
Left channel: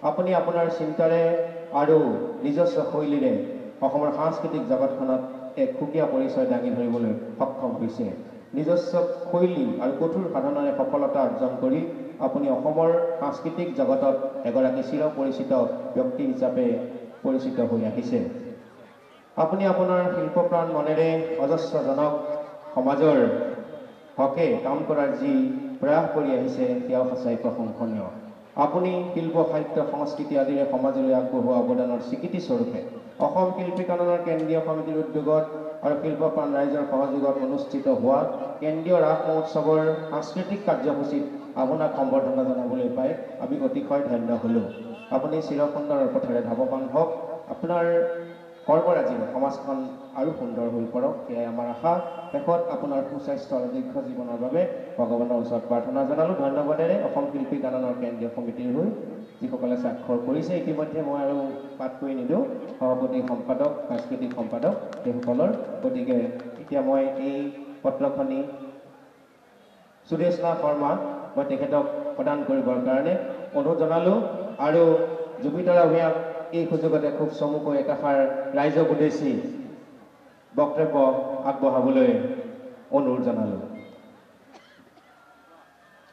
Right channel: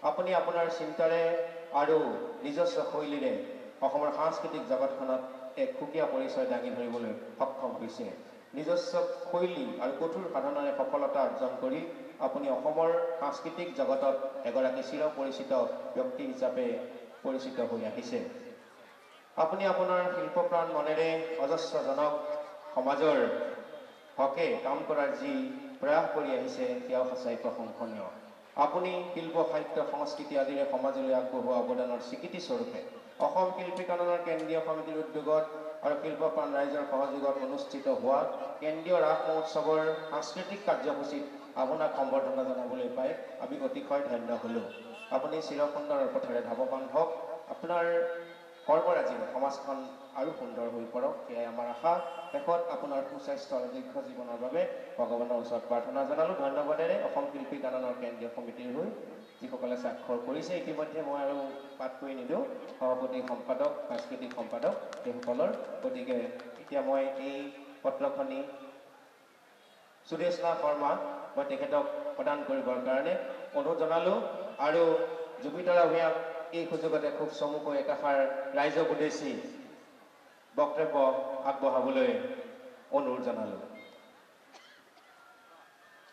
আপুনি আপোনাৰ চিন্তাৰে আৰু নিজস্ব শৈলীৰে অসমৰ সাংস্কৃতিক জগতখনত এক সুকীয়া পৰিচয় দাঙি ধৰিবলৈ সক্ষম হৈছে। নিজস্ব শৈলী আৰু কঠোৰ সাধনাৰে সফলতা অৰ্জন কৰি আপুনি অসমৰ সাংস্কৃতিক জগতত এগৰাকী চিৰ পৰিচিত ব্যক্তি হিচাপে পৰিচিত হৈ আহিছে। আপুনি আপোনাৰ শিল্পপ্ৰাণ মনেৰে অজস্ৰজনক সমাজৰ হকে কাম কৰাৰ যি প্ৰয়াস কৰি আহিছে সেয়াও সঁচাই প্ৰশংসনীয়। আপুনি শিল্প সাহিত্য সংস্কৃতি আদিৰে সমাজলৈ আগবঢ়োৱা অৱদানৰ স্বীকৃতি স্বৰূপে অসম শিল্পী কাননৰ কেন্দ্ৰীয় সমিতিৰ উদ্যোগত আৰু শিল্পপ্ৰাণ ৰাইজৰ সহযোগত অনুষ্ঠিত হোৱা কেন্দ্ৰীয় ৰাস মহোৎসৱৰ সাংস্কৃতিক কাৰ্যসূচীত আপোনাক সম্বৰ্ধনা জনাবলৈ পাই আমি অতিশয় ধন্য হ'লোঁ। আপুনি চিৰসুন্দৰৰ পথেৰে ধাৱমান হওক। আপোনাৰ কৰ্মৰাজিৰে সমাজখন আৰু সুন্দৰ হৈ পৰক, সেয়াই আমাৰ আশা। শেষত আপোনাৰ সুস্বাস্থ্য আৰু দীৰ্ঘ জীৱনৰ বাবে ভগৱানৰ ওচৰত প্ৰাৰ্থনা জনালোঁ। ধন্যবাদেৰে অসম শিল্পী কাননৰ কেন্দ্ৰীয় সমিতিৰ হৈ যিসকলে স্বাক্ষৰ কৰিছে, ইতিমধ্যে মই আৰু পাঠ কৰি নিদিওঁ, সভাপতি সম্পাদক সাংস্কৃতিক সম্পাদক সেইসকলৰ। গতিকে এতিয়া মই এই পত্ৰখনি সুদেশনা শৰ্মা মই তেখেতক প্ৰদান কৰিবৰ কাৰণে অনুৰোধ জনালোঁ। আৰু জুপিতৰা ভূঞাক এই সুযোগতে খুব চমুকৈ একাষাৰ ৰাইজক উদ্দেশ্যি বক্তব্য আগবঢ়াবলৈ অনুৰোধ জনালোঁ।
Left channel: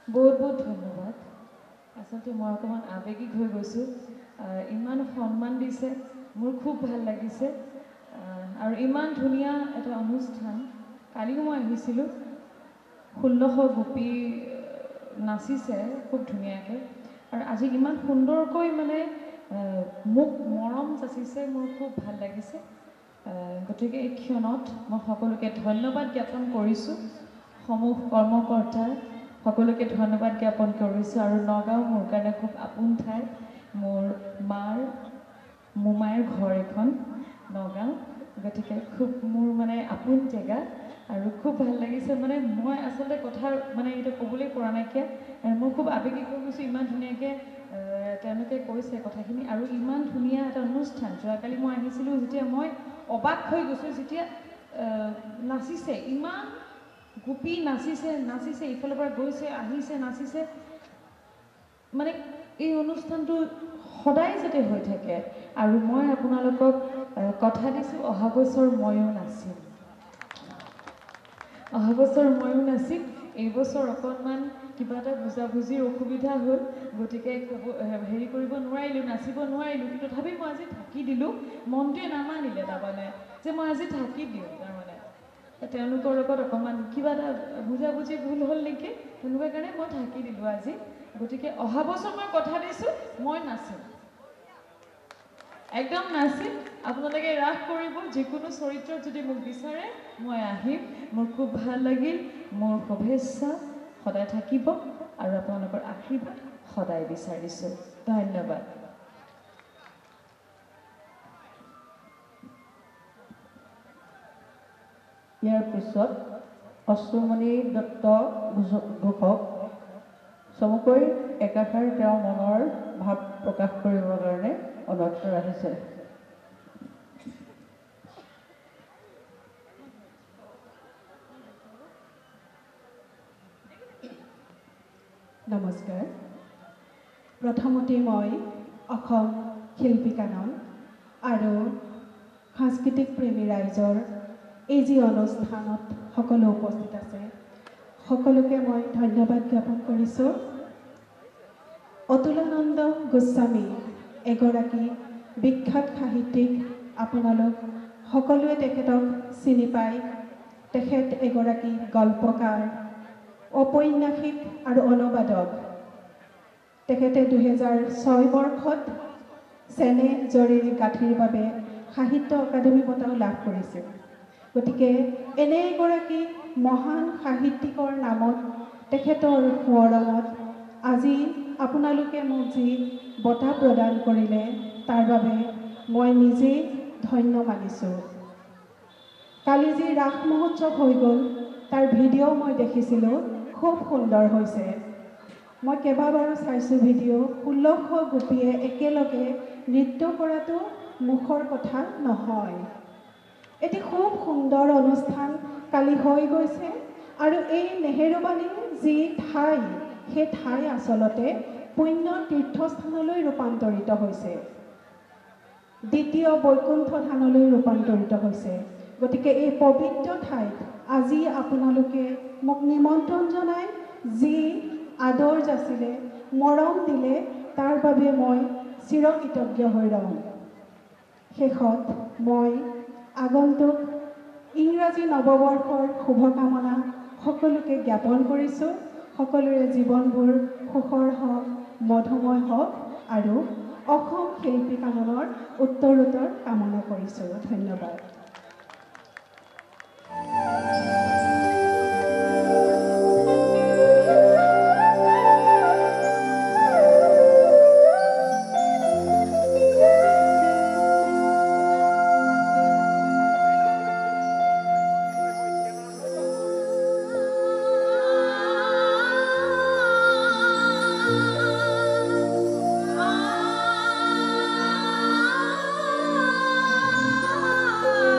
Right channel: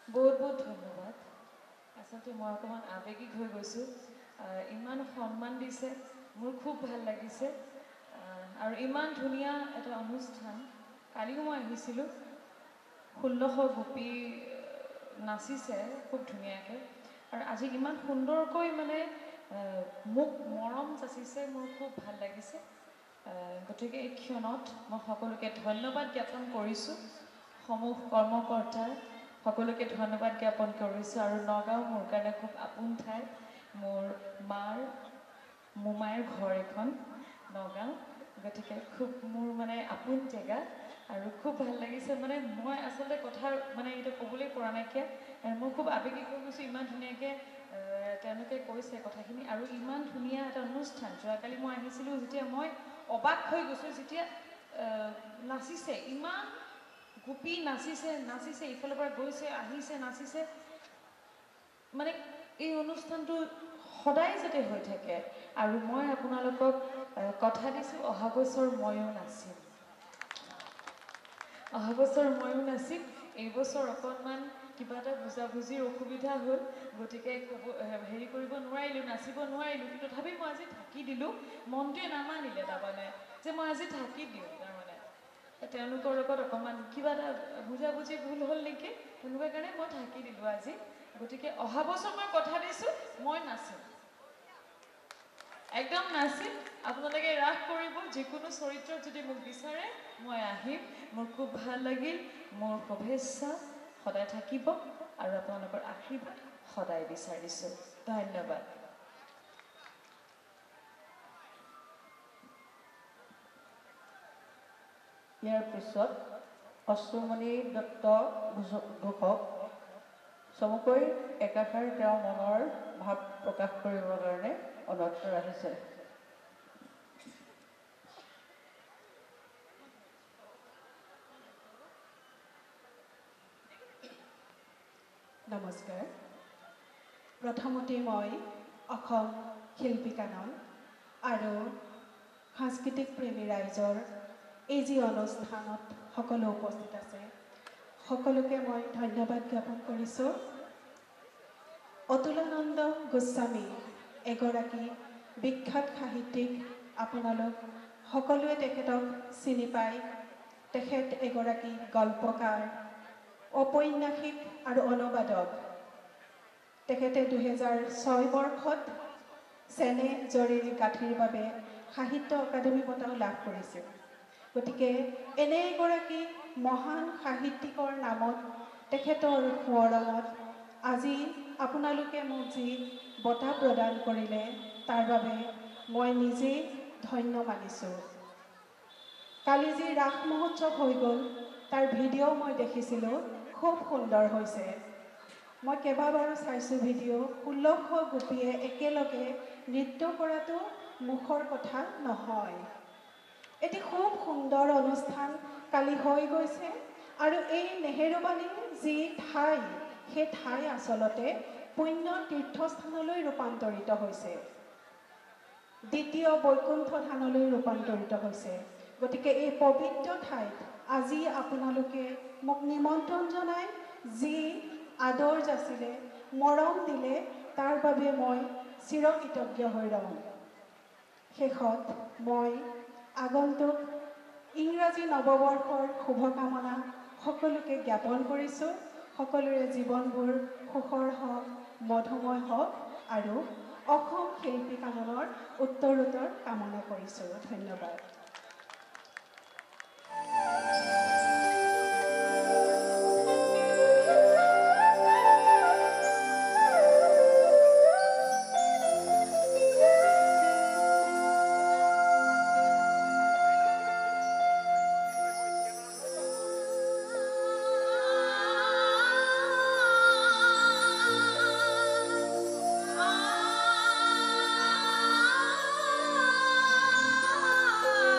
বহুত বহুত ধন্যবাদ। আচলতে মই অকণমান আৱেগিক হৈ গৈছোঁ। ইমান সন্মান দিছে, মোৰ খুব ভাল লাগিছে। আৰু ইমান ধুনীয়া এটা অনুষ্ঠান। কালিও মই আহিছিলোঁ, 1600 গোপী নাচিছে খুব ধুনীয়াকৈ। আৰু আজি ইমান সুন্দৰকৈ মানে মোক মৰম যাচিছে, মোৰ খুব ভাল লাগিছে। গতিকে এই ক্ষণত মই সকলোকে ধন্যবাদ জ্ঞাপন কৰিছোঁ। সমূহ কৰ্মকৰ্তা সকলোকে ধন্যবাদ জ্ঞাপন কৰিছোঁ। আৰু নগাঁও মোৰ কাৰণে খুব আপোন ঠাই। মোৰ মোমাইৰ ঘৰ এখন নগাঁও, গতিকে খুব মোৰ মানে আপোন জেগা। আৰু খুব ভাল লাগিছে। মানে মই আচলতে কথা মানে এইটো ক'বলৈ পৰা নাইকিয়া, মই খুব আৱেগিক হৈ গৈছোঁ। ইমান ধুনীয়াকৈ তেওঁলোকে কৈছে কথাখিনি, আৰু ইমান ধুনীয়া এটা অনুষ্ঠান। যোৱাকালি মই আহিছিলোঁ, যেতিয়া মই অবাক হৈ গৈছোঁ, যেতিয়া নাচিছে, ইমান গোপী নাচিছে, ইফালৰ পৰা গৈছে আহিছে নাচিছে। মানে এই অনুষ্ঠানটো সদায় যাতে হৈ থাকে। আৰু মই আপোনালোকক কথা দিছোঁ অহা বছৰ ময়ো নাচিম। অহা বছৰ ময়ো নাচিম। এই বছৰ অকণমান কিবা এটা বুজাবুজিৰ অসুবিধা হ'ল, গতিকে হেৰি কৰিব নোৱাৰিলোঁ, নাচিব নোৱাৰিলোঁ। কিন্তু তথাপি মই আজি থাকি দিলোঁ। মনটোৱে নামানিলে তাৰমানে যে মই আজি থাকি দিওঁ। তাৰমানে তেওঁলোকৰ লগত অকণমান কিবা এটা বুজাবুজি ভুল হ'ল নেকি, তেনেকুৱা কাৰণে মই থাকি দিলোঁ আজি। গতিকে অহা বছৰ মই কথা দিছোঁ মই নাচিম, একদম নাচিম। আপোনালোকে ৰাস কৰিব, যিকোনো চৰিত্ৰত যদি মোক বিচাৰে মই আহিম। মোৰ খুব ভাল লাগিল। মোৰ শুভেচ্ছা সদায় থাকিব আৰু আপোনালোকৰ আশীৰ্বাদ সদায় বিচাৰিছোঁ। ধন্যবাদ। ইয়াৰ পিছত অশ্ৰুমণি দত্ত ঘোষক চমুকৈ একাষাৰ তেওঁৰ মনৰ ভাৱ প্ৰকাশ কৰিবৰ কাৰণে অনুৰোধ ৰাখিছে। নমস্কাৰ। প্ৰথমতে মই অসম শিল্পী কানন আৰু সাংস্কৃতিক প্ৰেমী ৰাইজৰ এই যি অনুষ্ঠানত সকলো উপস্থিত আছে সকলোকে মই ধন্যবাদ জ্ঞাপন কৰিছোঁ। অতুলানন্দ গোস্বামী এগৰাকী বিখ্যাত সাহিত্যিক। আপোনালোক সকলোৱে তেখেতক চিনি পায়। তেখেত এগৰাকী গল্পকাৰ, ঔপন্যাসিক আৰু অনুবাদক। তেখেতে 2006 বৰ্ষত চেনে জৰীৰ গাঁঠিৰ বাবে সাহিত্য অকাডেমী বঁটাও লাভ কৰিছিল। গতিকে এনে এগৰাকী মহান সাহিত্যিকৰ নামত তেখেতৰ সোঁৱৰণত আজি আপোনালোকে মোক যি বঁটা প্ৰদান কৰিলে তাৰ বাবে মই নিজেই ধন্য মানিছোঁ। কালি যি ৰাস মহোৎসৱ হৈ গ'ল তাৰ ভিডিঅ' মই দেখিছিলোঁ, খুব সুন্দৰ হৈছে। মই কেইবাবাৰো চাইছোঁ ভিডিঅ'। 1600 গোপীয়ে একেলগে নৃত্য কৰাটো মুখৰ কথা নহয়। এটি খুব সুন্দৰ অনুষ্ঠান কালি হৈ গৈছে আৰু এই নেহেৰুবালিৰ যি ঠাই, সেই ঠাই আচলতে পুণ্য তীৰ্থস্থানলৈ ৰূপান্তৰিত হৈছে, দ্বিতীয় বৈকুণ্ঠ ধানলৈ ৰূপান্তৰিত হৈছে। গতিকে এই পবিত্ৰ ঠাইত আজি আপোনালোকে মোক নিমন্ত্ৰণ জনাই যি আদৰ যাচিলে, মৰম দিলে, তাৰ বাবে মই চিৰকৃতজ্ঞ হৈ ৰ'ম। শেষত মই আগন্তুক ইংৰাজী নৱবৰ্ষৰ শুভকামনা সকলোকে জ্ঞাপন কৰিছোঁ। সকলোৰে জীৱনবোৰ সুখৰ হওক, মধুময় হওক আৰু অসম শিল্পী কাননৰ উত্তৰোত্তৰ কামনা কৰিছোঁ। ধন্যবাদ। Ah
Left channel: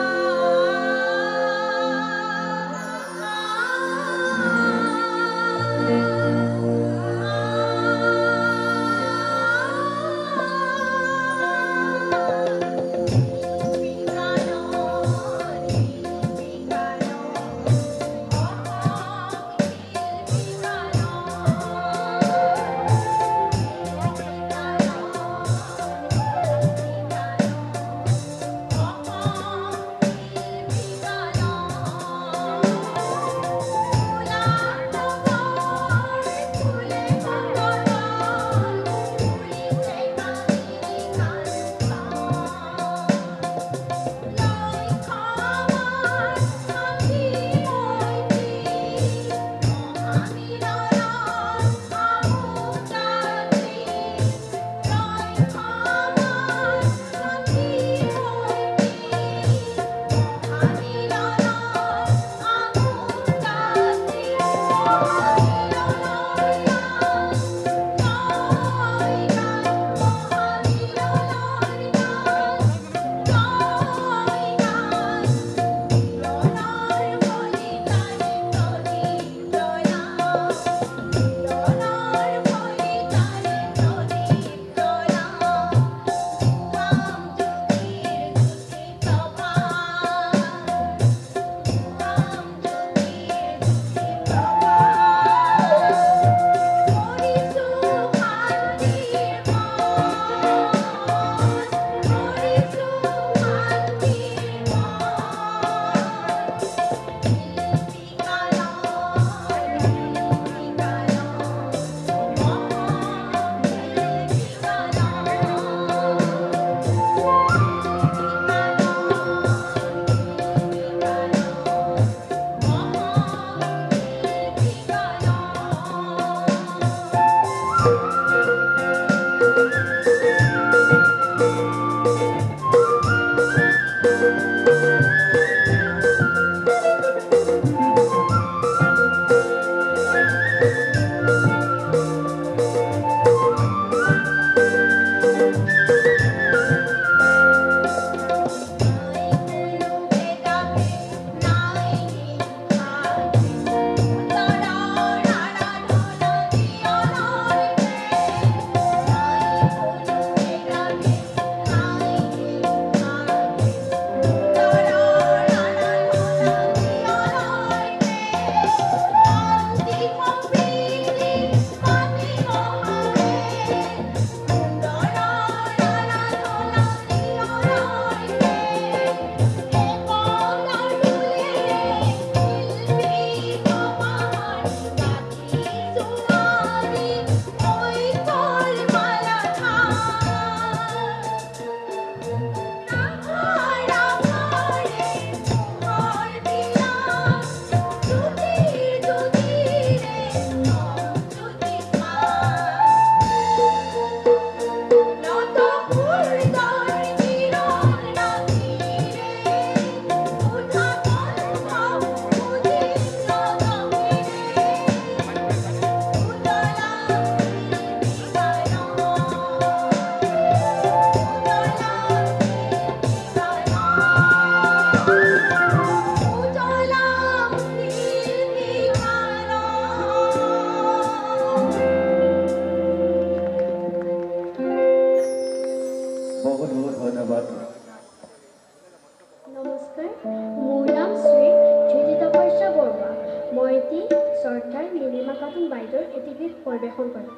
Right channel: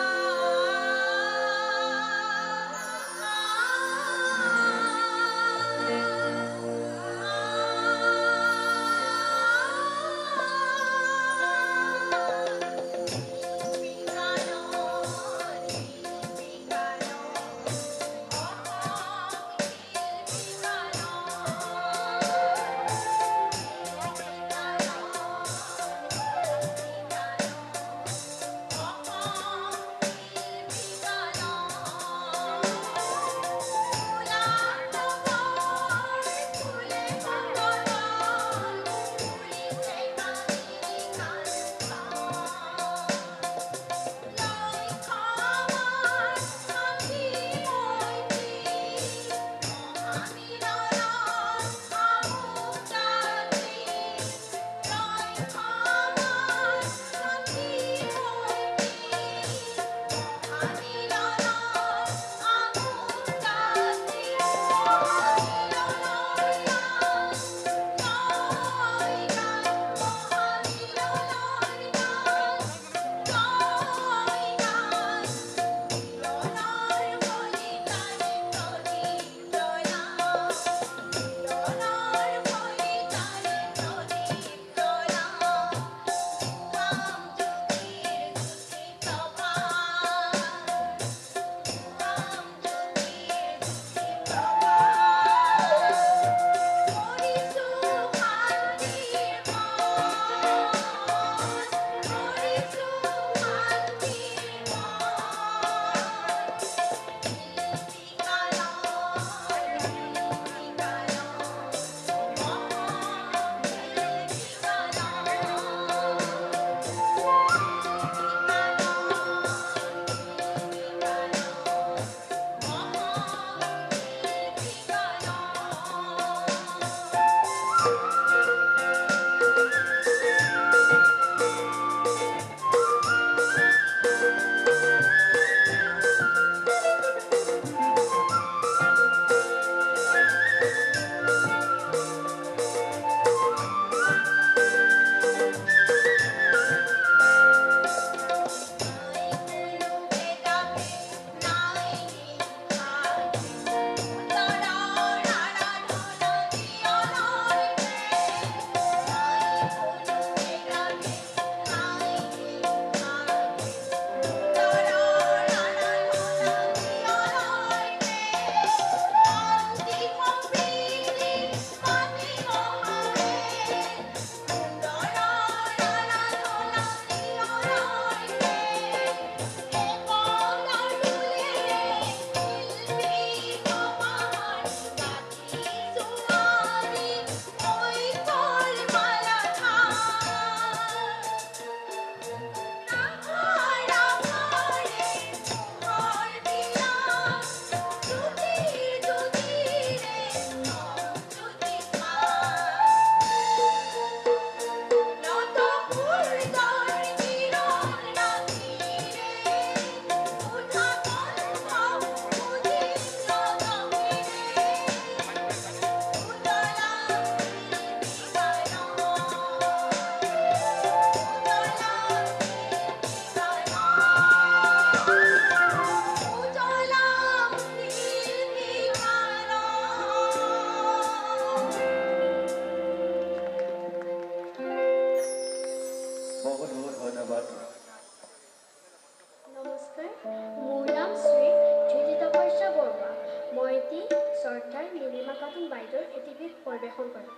এগৰাকী চৰ্দাৰ নীলিমা খাতুন বাইদেউৰ এটি গীত পৰিৱেশন কৰে।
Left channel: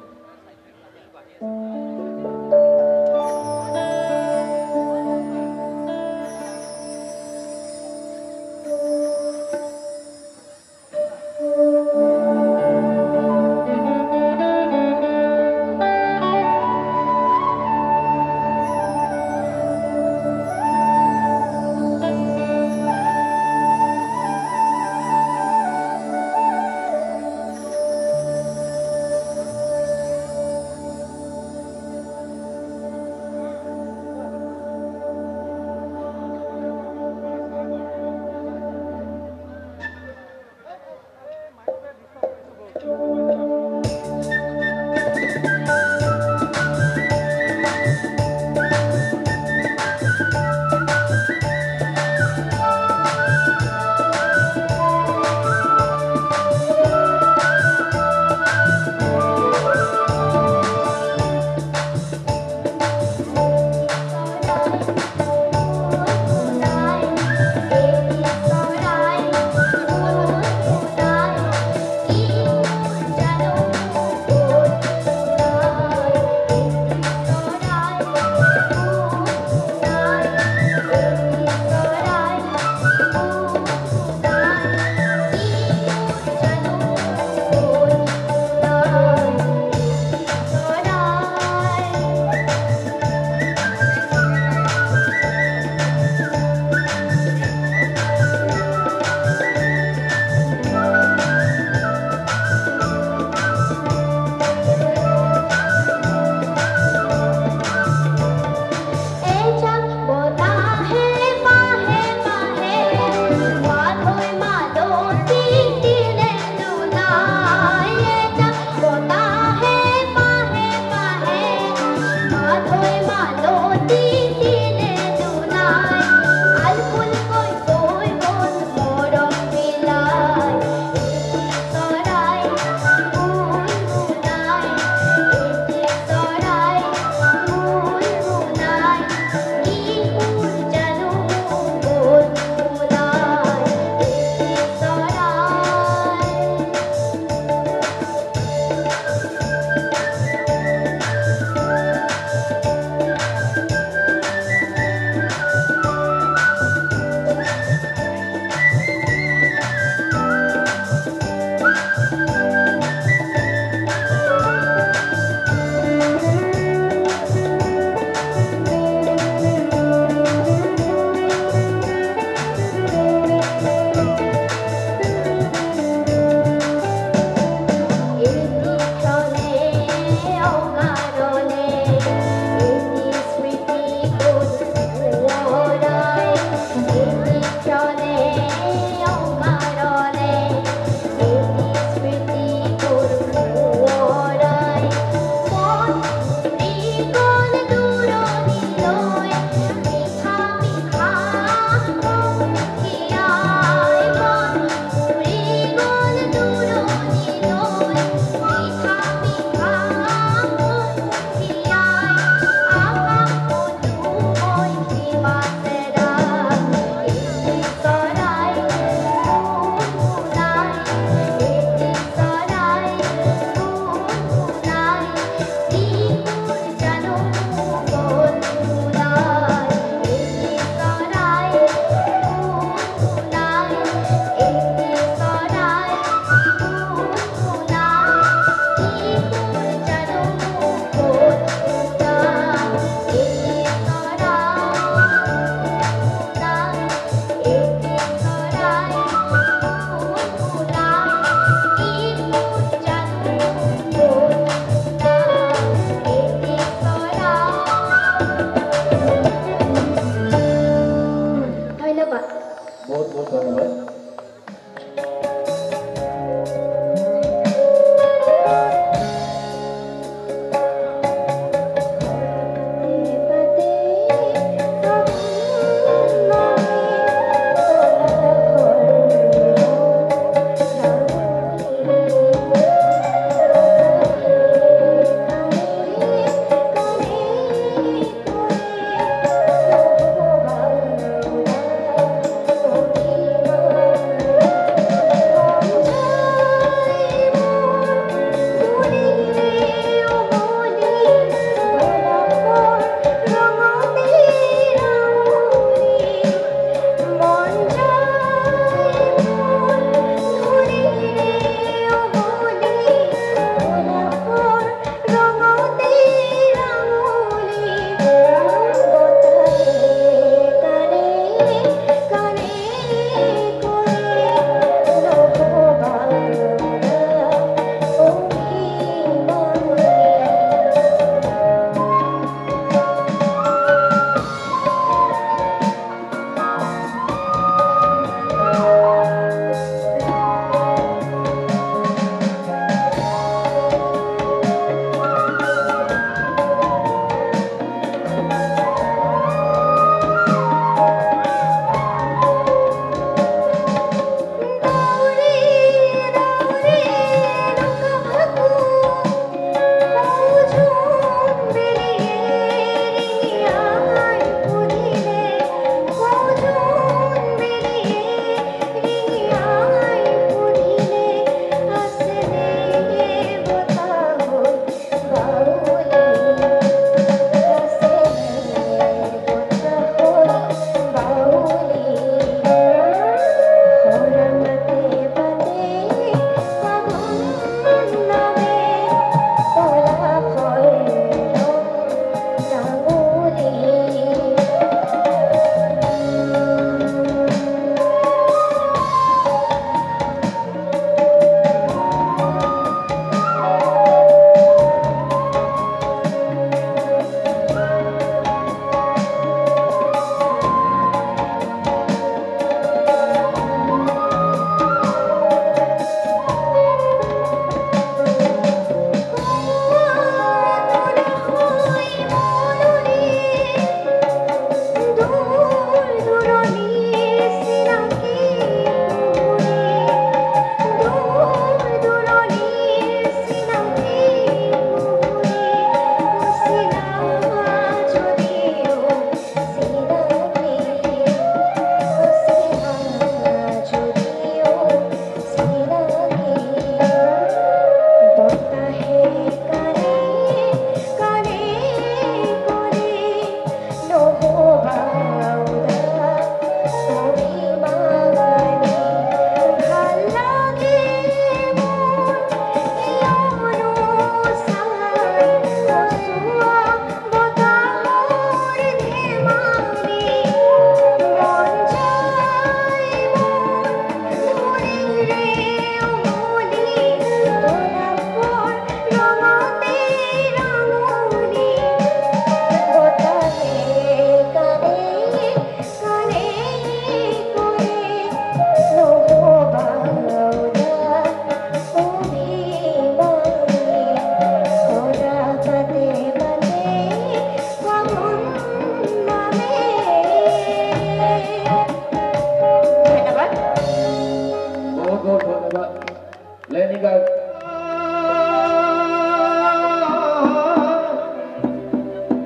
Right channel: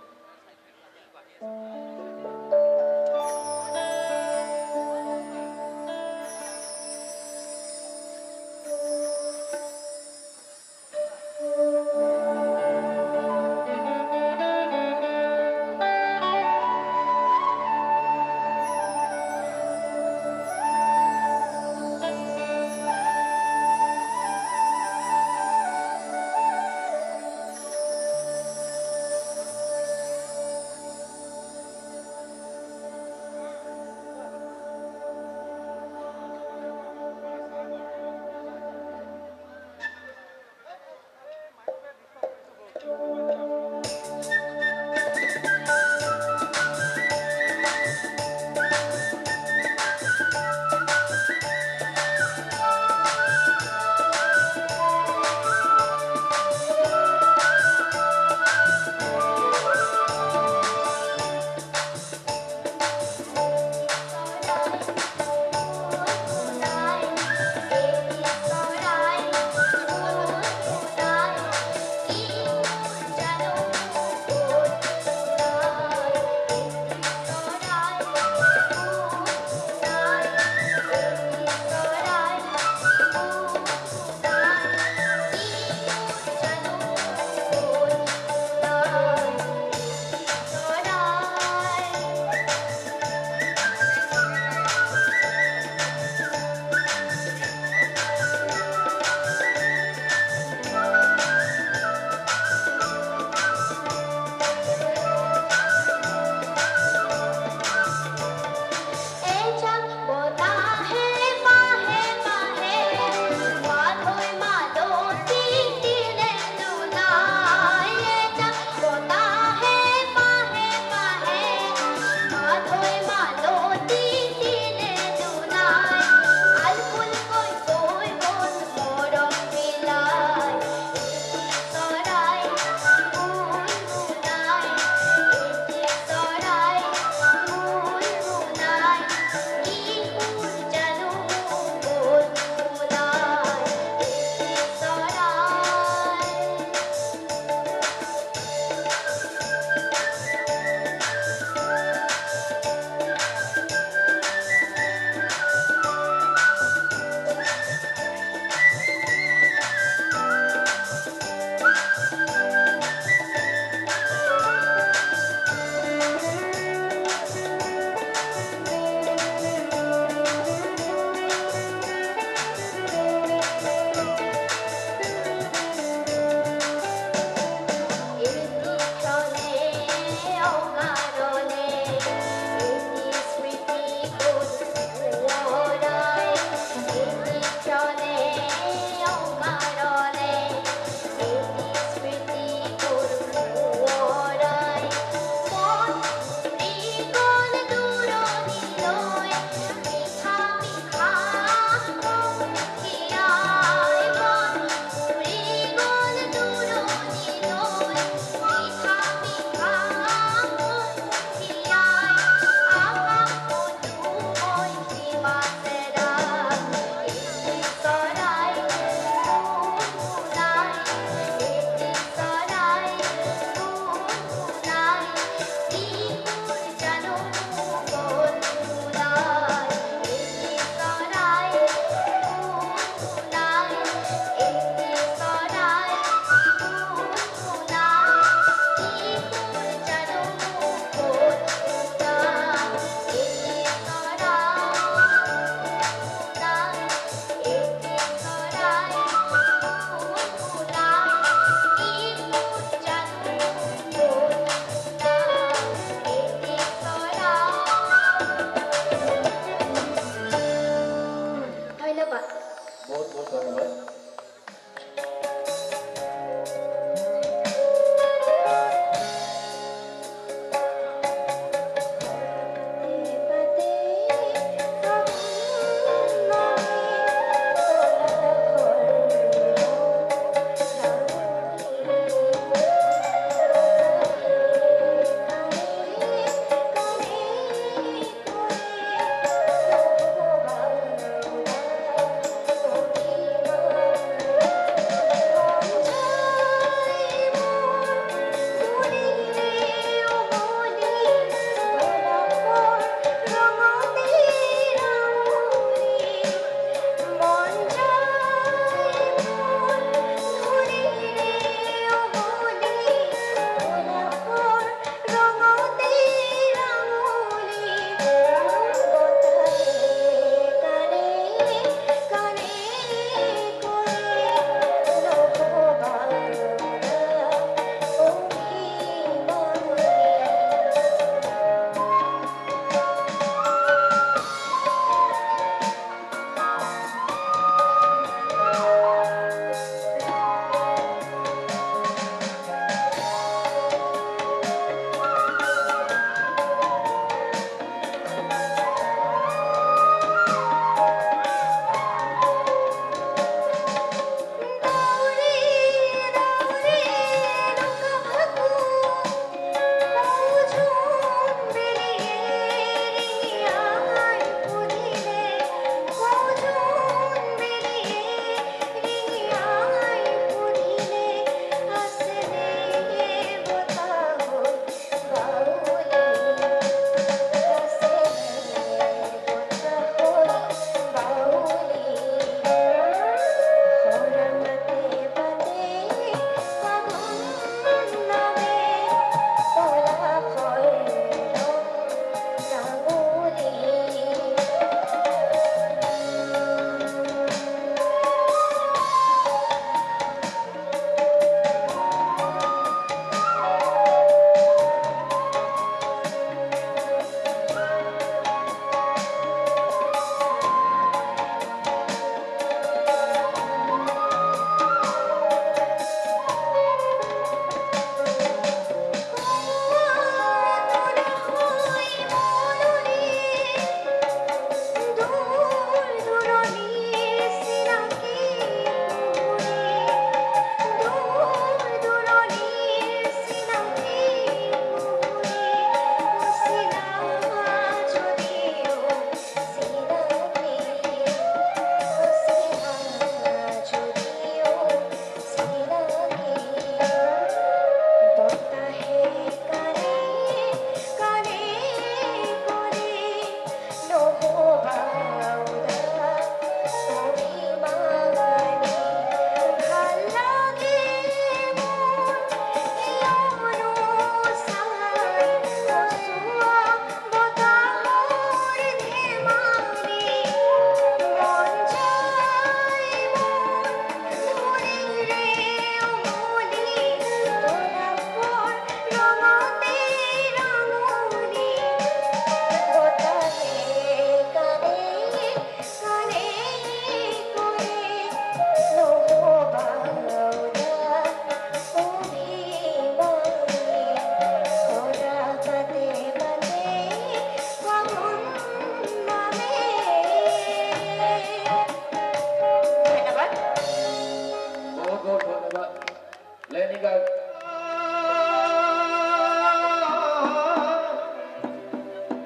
লেনিকা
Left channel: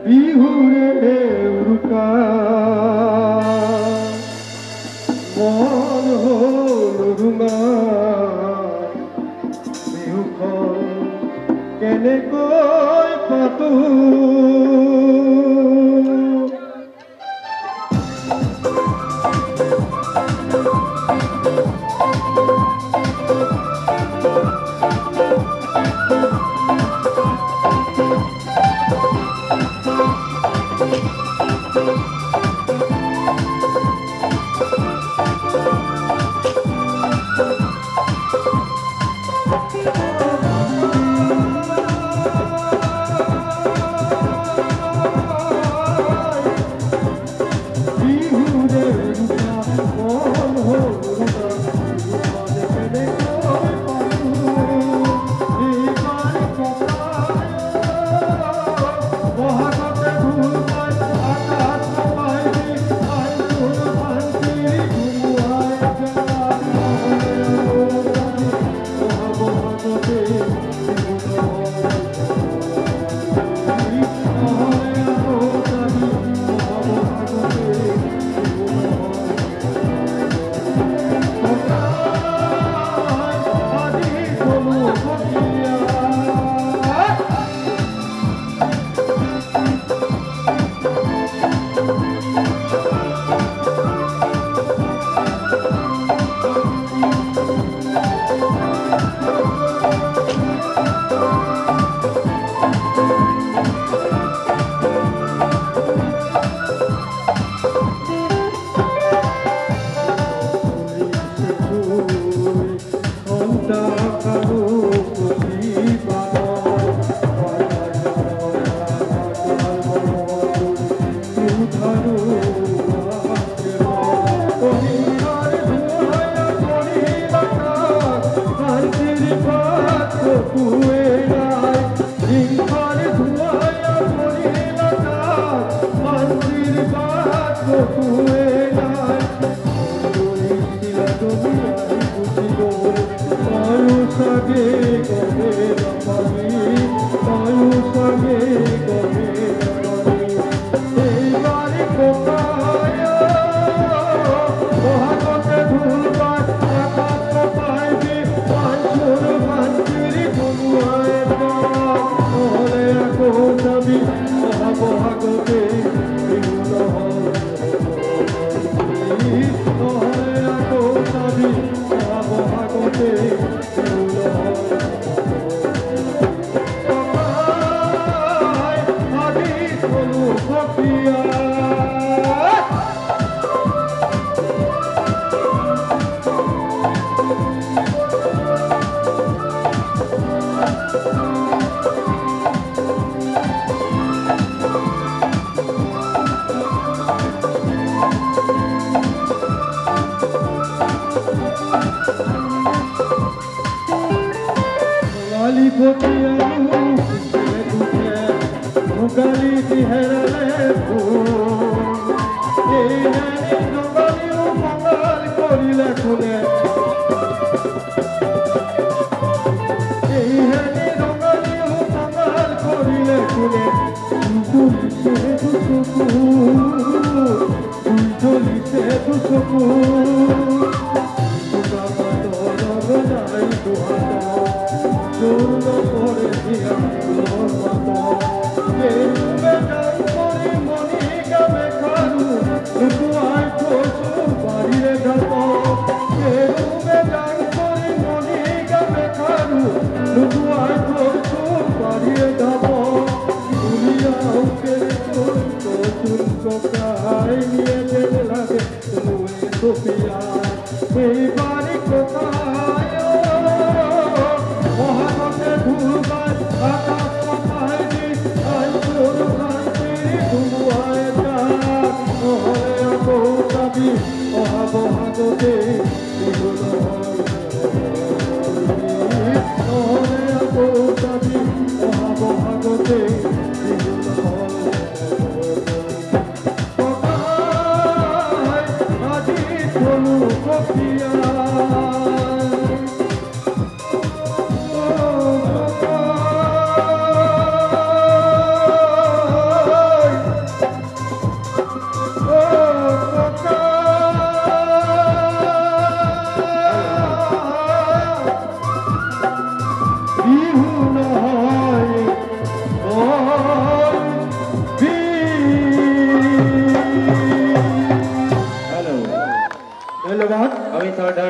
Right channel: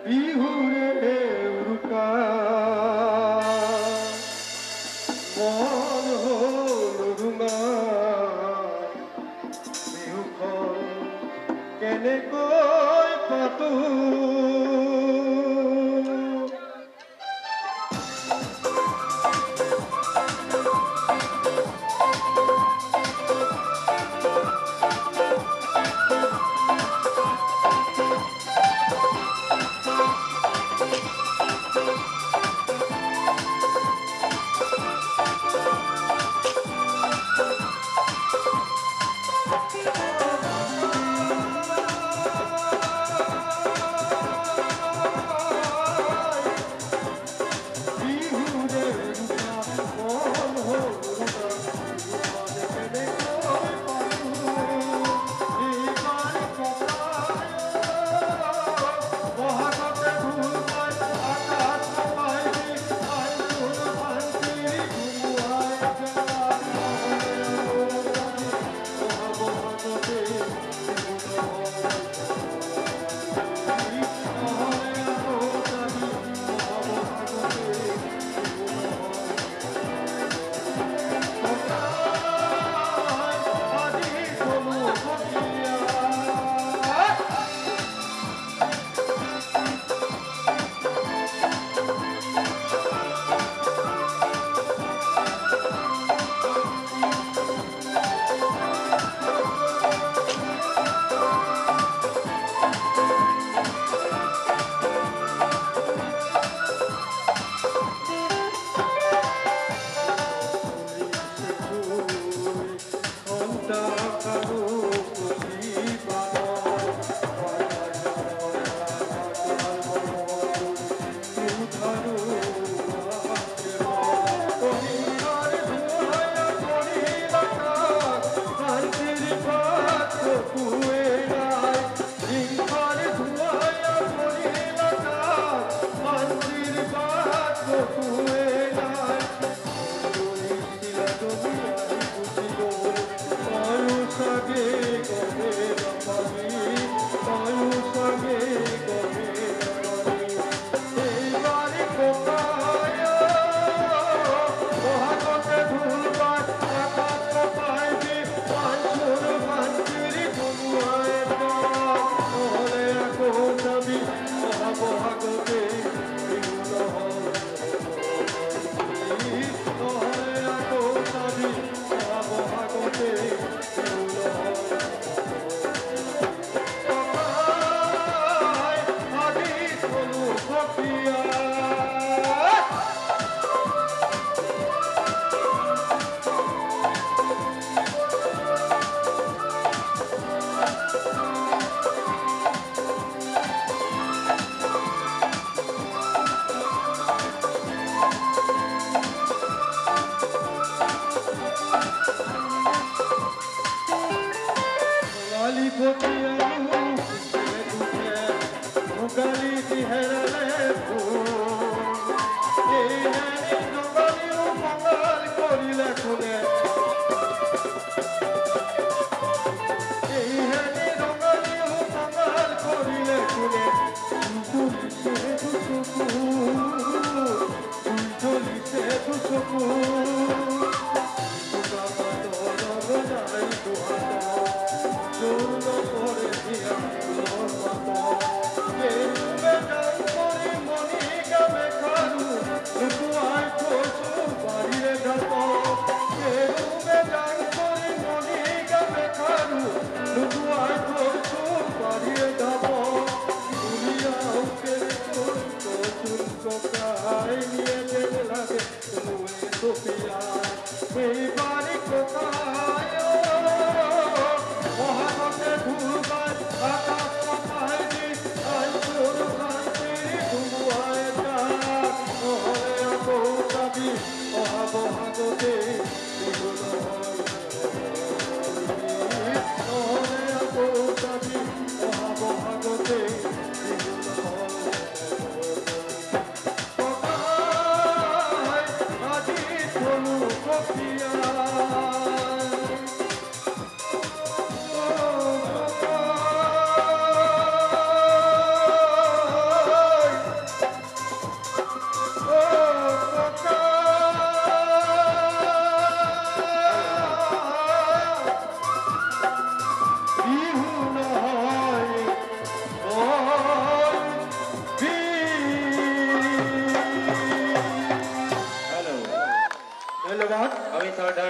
বিহুৰে উৰুকা মন হ'ল ৰুঙা বিহুখন কেনেকৈ পাতো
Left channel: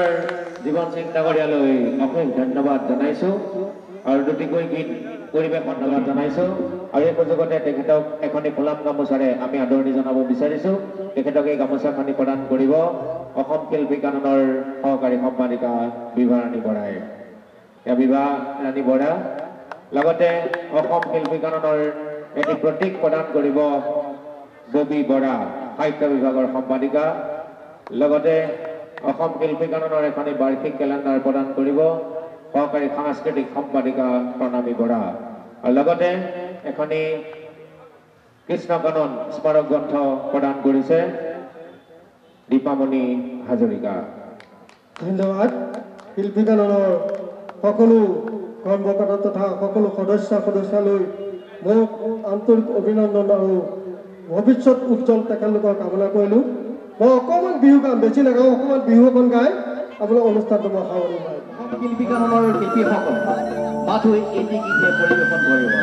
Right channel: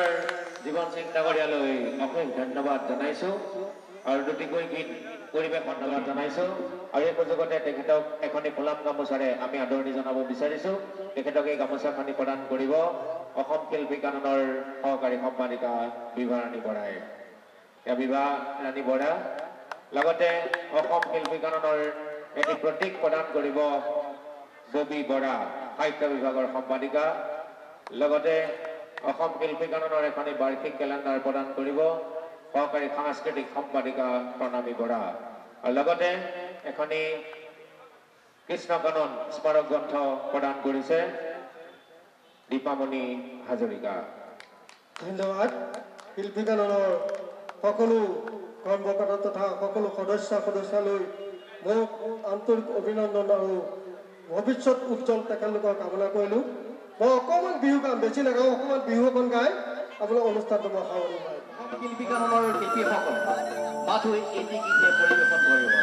ডাঙৰ জীৱন চিন্তা কৰিয়ালৈ অশেষ ধন্যবাদ জনাইছোঁ আৰু দুটিকৈ গীত পৰিৱেশন ধন্যবাদ জনাইছোঁ আৰু এই সুযোগতে তেখেতক এখনি ফুলাম গামোচাৰে আমি আদৰণি জনাব বিচাৰিছোঁ তেখেতক এই গামোচাখনি প্ৰদান কৰিব অসম শিল্পী কাননৰ সহকাৰী সম্পাদিকা বিভা ৰাণী বৰাই বিভা ৰাণী বৰা লগতে অসম শিল্পী কাননৰ এটি প্ৰতীক প্ৰদান কৰিব ববী বৰা সাহিত্য বিভাগৰ সম্পাদিকা লগতে অসম শিল্পী কাননৰ এখনি বাৰ্ষিক কেলেণ্ডাৰ প্ৰদান কৰিব সহকাৰী সাংস্কৃতিক সম্পাদিকা প্ৰণামী বৰা আৰু লগতে এখনি কৃষ্ণ কানন স্মাৰক গ্ৰন্থ প্ৰদান কৰিছে দীপামণি হাজৰিকা ধন্যবাদ শিল্পী কাননৰ সকলো কৰ্মকৰ্তা তথা সকলো সদস্যলৈ মোক আন্তৰিক অভিনন্দন আৰু ভৱিষ্যত উজ্জ্বল তেখেতলোকৰ কামনা কৰিলোঁ মই অকণমান বিহু গাম বেছি নাগাওঁ অকণমান বিহু অকণ গাই আপোনাৰ অনুষ্ঠানটো মই সামৰি মাৰিম শিল্পী কাননৰ শিল্পীসকল মাথো এটি গীতে পৰিৱেশন কৰিব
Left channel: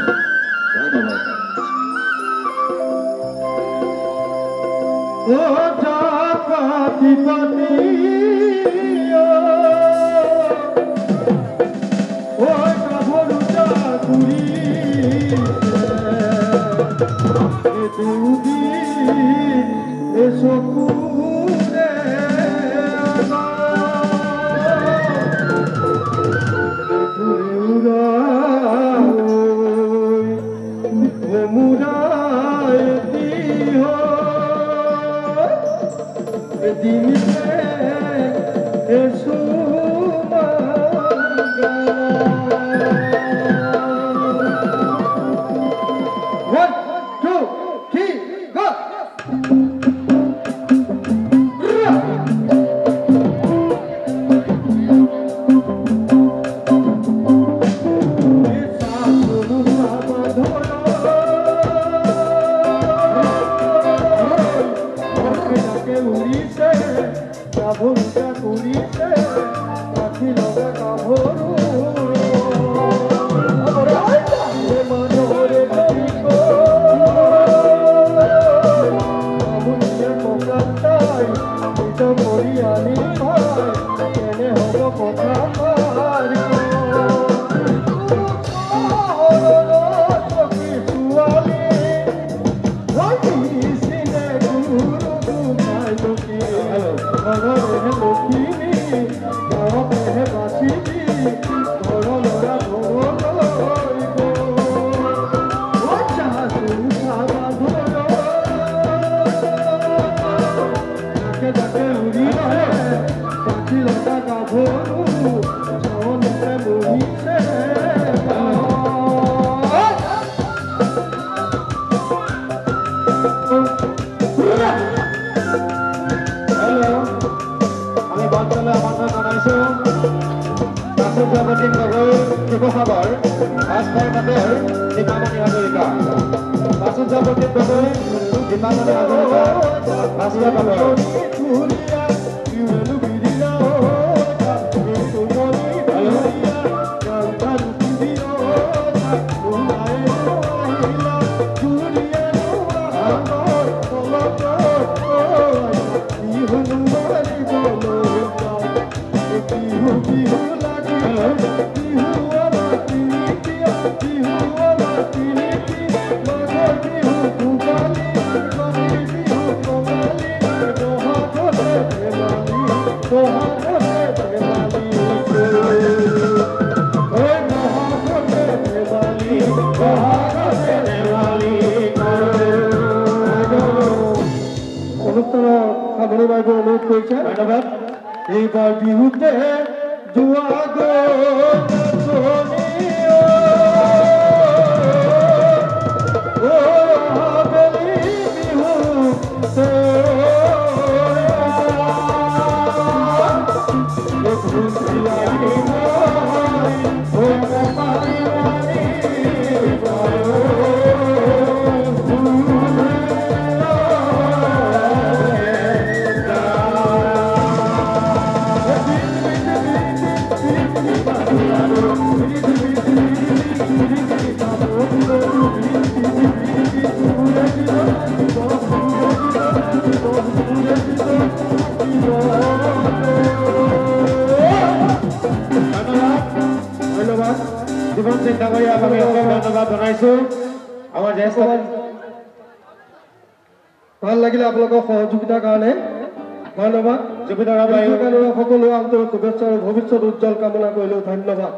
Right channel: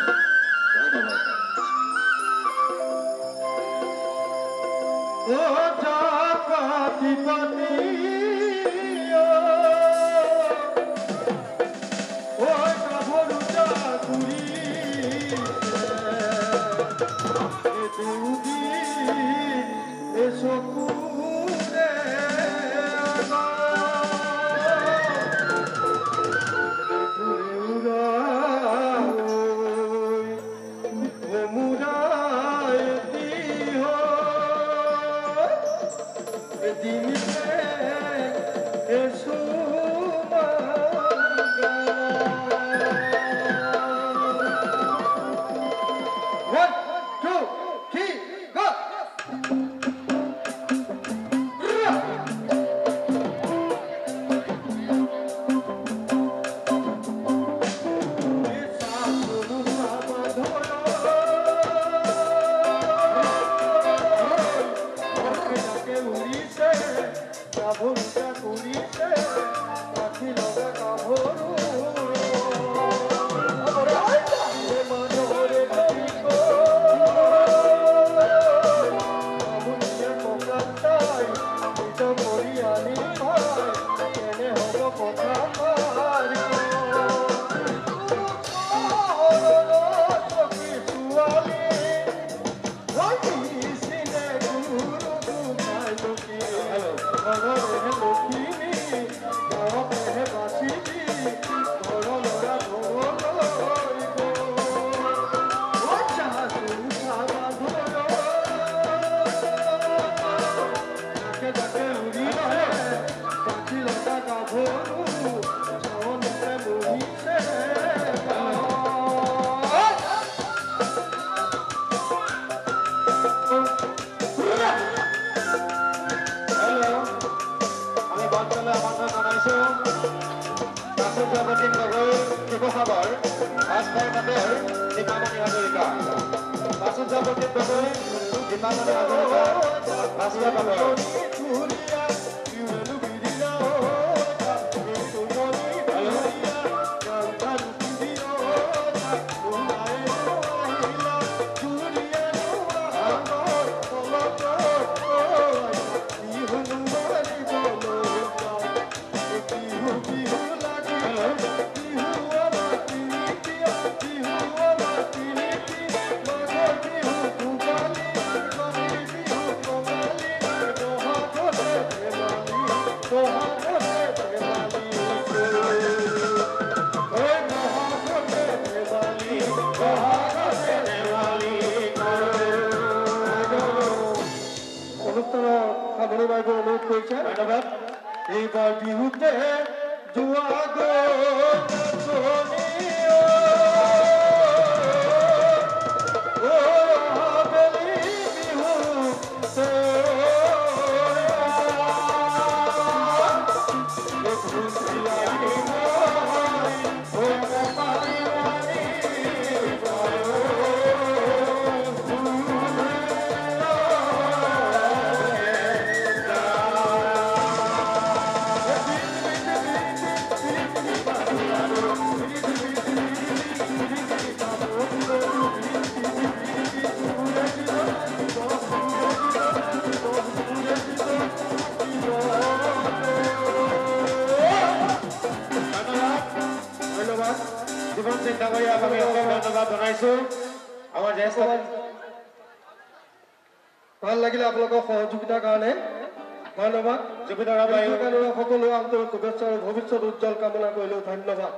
ধন্যবাদ এইবাৰ বিহুতে যোৱা ডাঙৰীয়া আমি ধন্যবাদ জনাইছোঁ আমাৰ জ্যেষ্ঠ ভাল লাগিলে আপোনালোকৰ সহযোগিতাৰ কাৰণে ধন্যবাদ জুবিনৰ সকলো আন্তৰিক শুভেচ্ছা আৰু ভৱিষ্যত উজ্জ্বল কামনা কৰিলোঁ ধন্যবাদ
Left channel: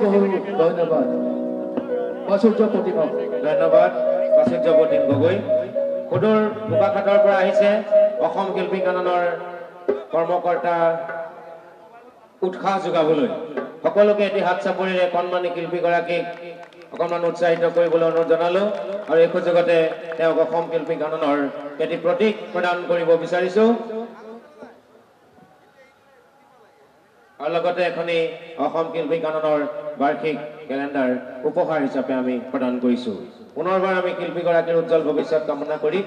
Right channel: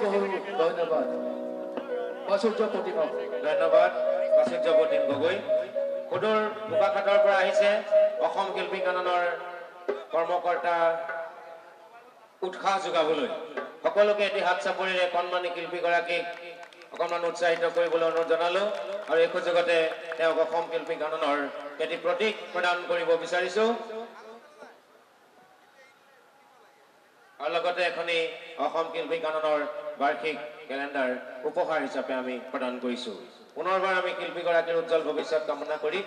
বহু ধন্যবাদ প্ৰাচুৰ্য প্ৰতিভা ধন্যবাদ প্ৰাচুৰ্য প্ৰতীক গগৈ সুদূৰ বোকাখাটৰ পৰা আহিছে অসম শিল্পী কাননৰ কৰ্মকৰ্তা উৎসাহ যোগাবলৈ সকলোকে এটি হাত চাপৰিৰে কণমানি শিল্পীগৰাকীক অকণমান উৎসাহিত কৰিবলৈ অনুৰোধ জনালো আৰু এই সুযোগতে তেওঁক অসম শিল্পী কাননৰ এটি প্ৰতীক প্ৰদান কৰিব বিচাৰিছো আৰু লগতে এখনি অসম শিল্পী কাননৰ বাৰ্ষিক কেলেণ্ডাৰ উপহাৰ হিচাপে আমি প্ৰদান কৰিছো পুনৰবাৰ আমি শিল্পীগৰাকীৰ উজ্জ্বল ভৱিষ্যত কামনা কৰি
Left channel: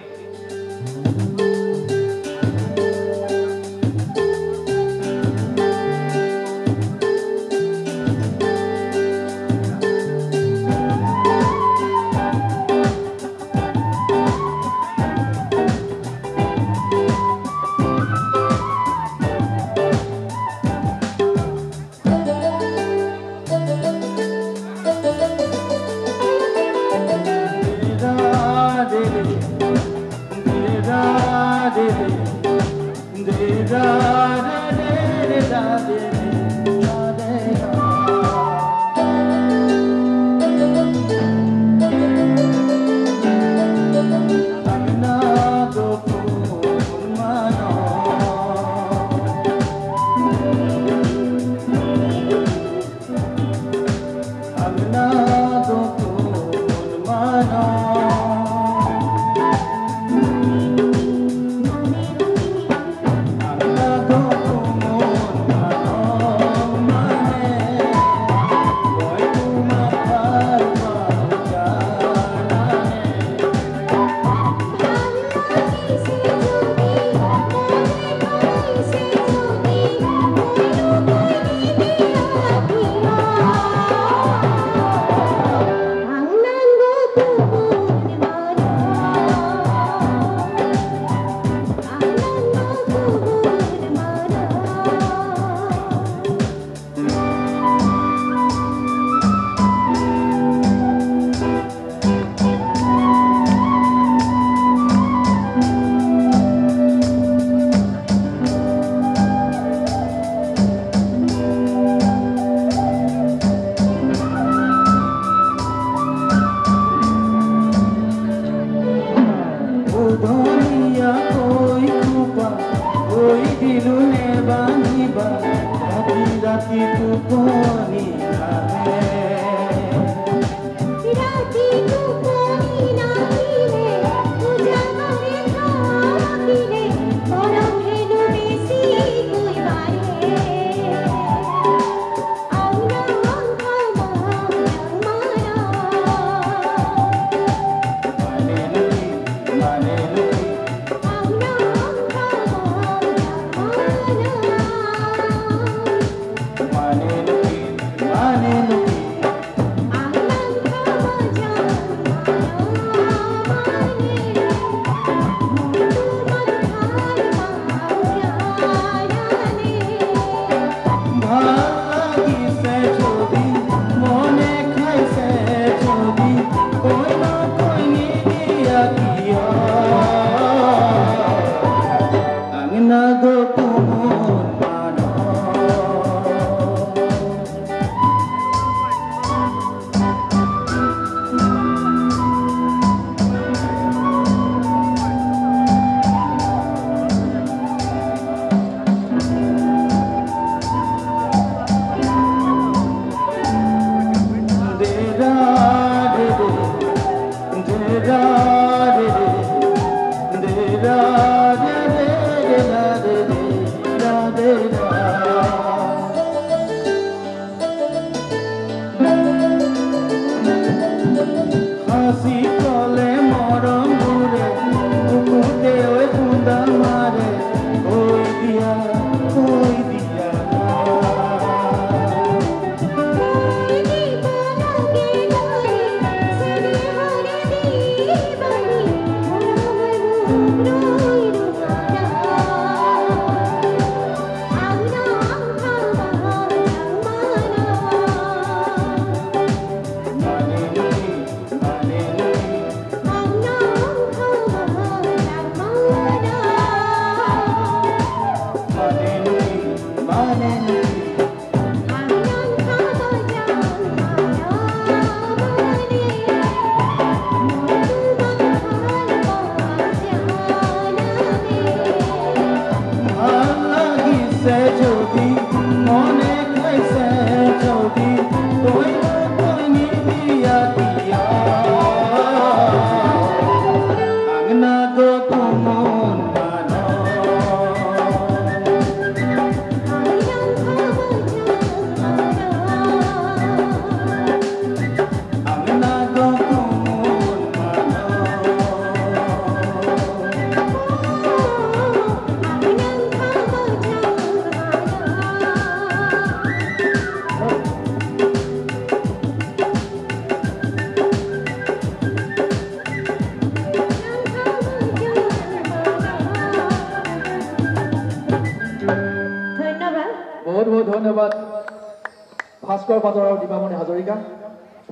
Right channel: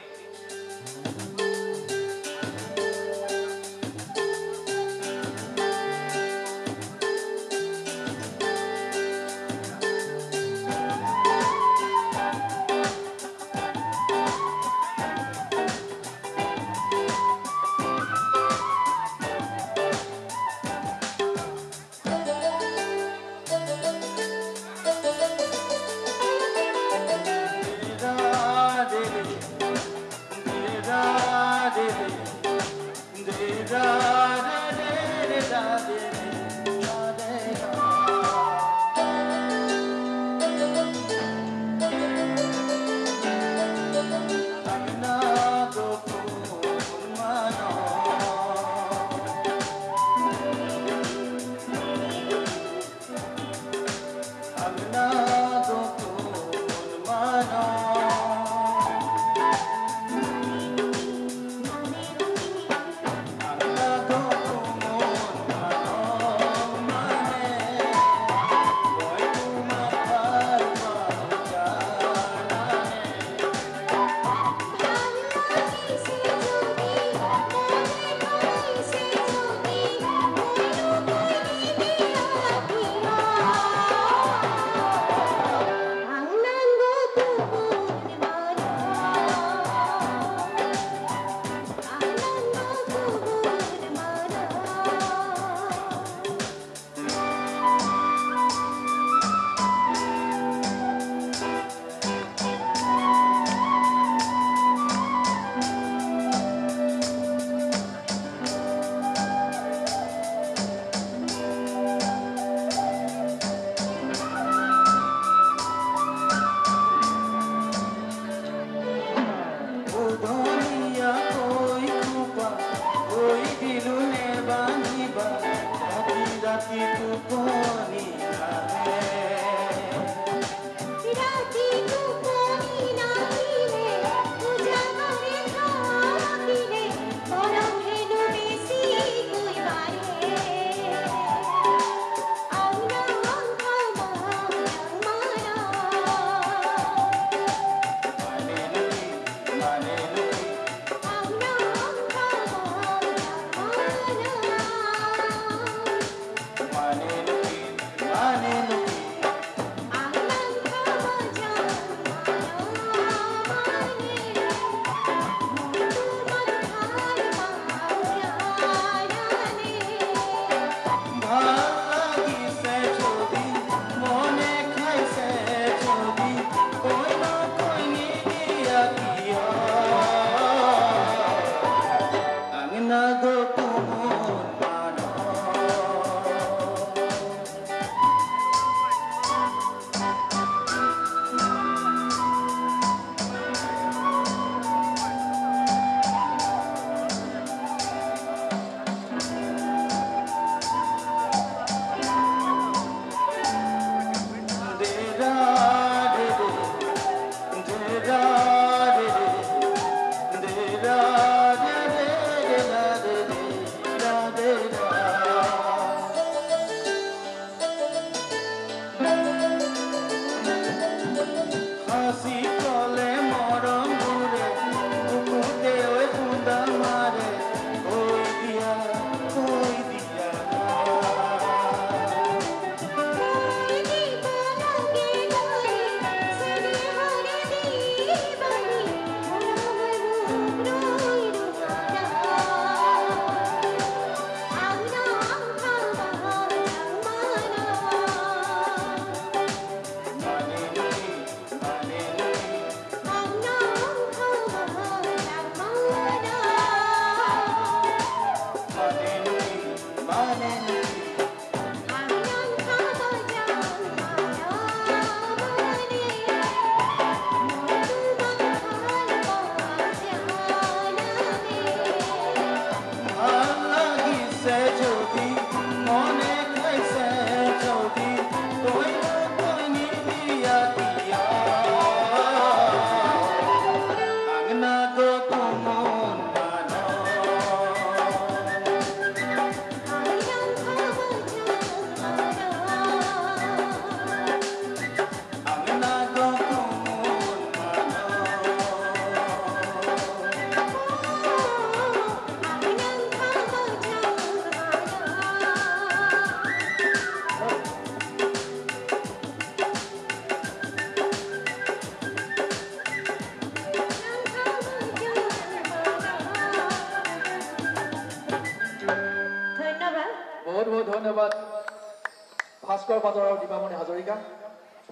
ভাস্কৰ পাটৰ আৰু দীপামণি হাজৰিকা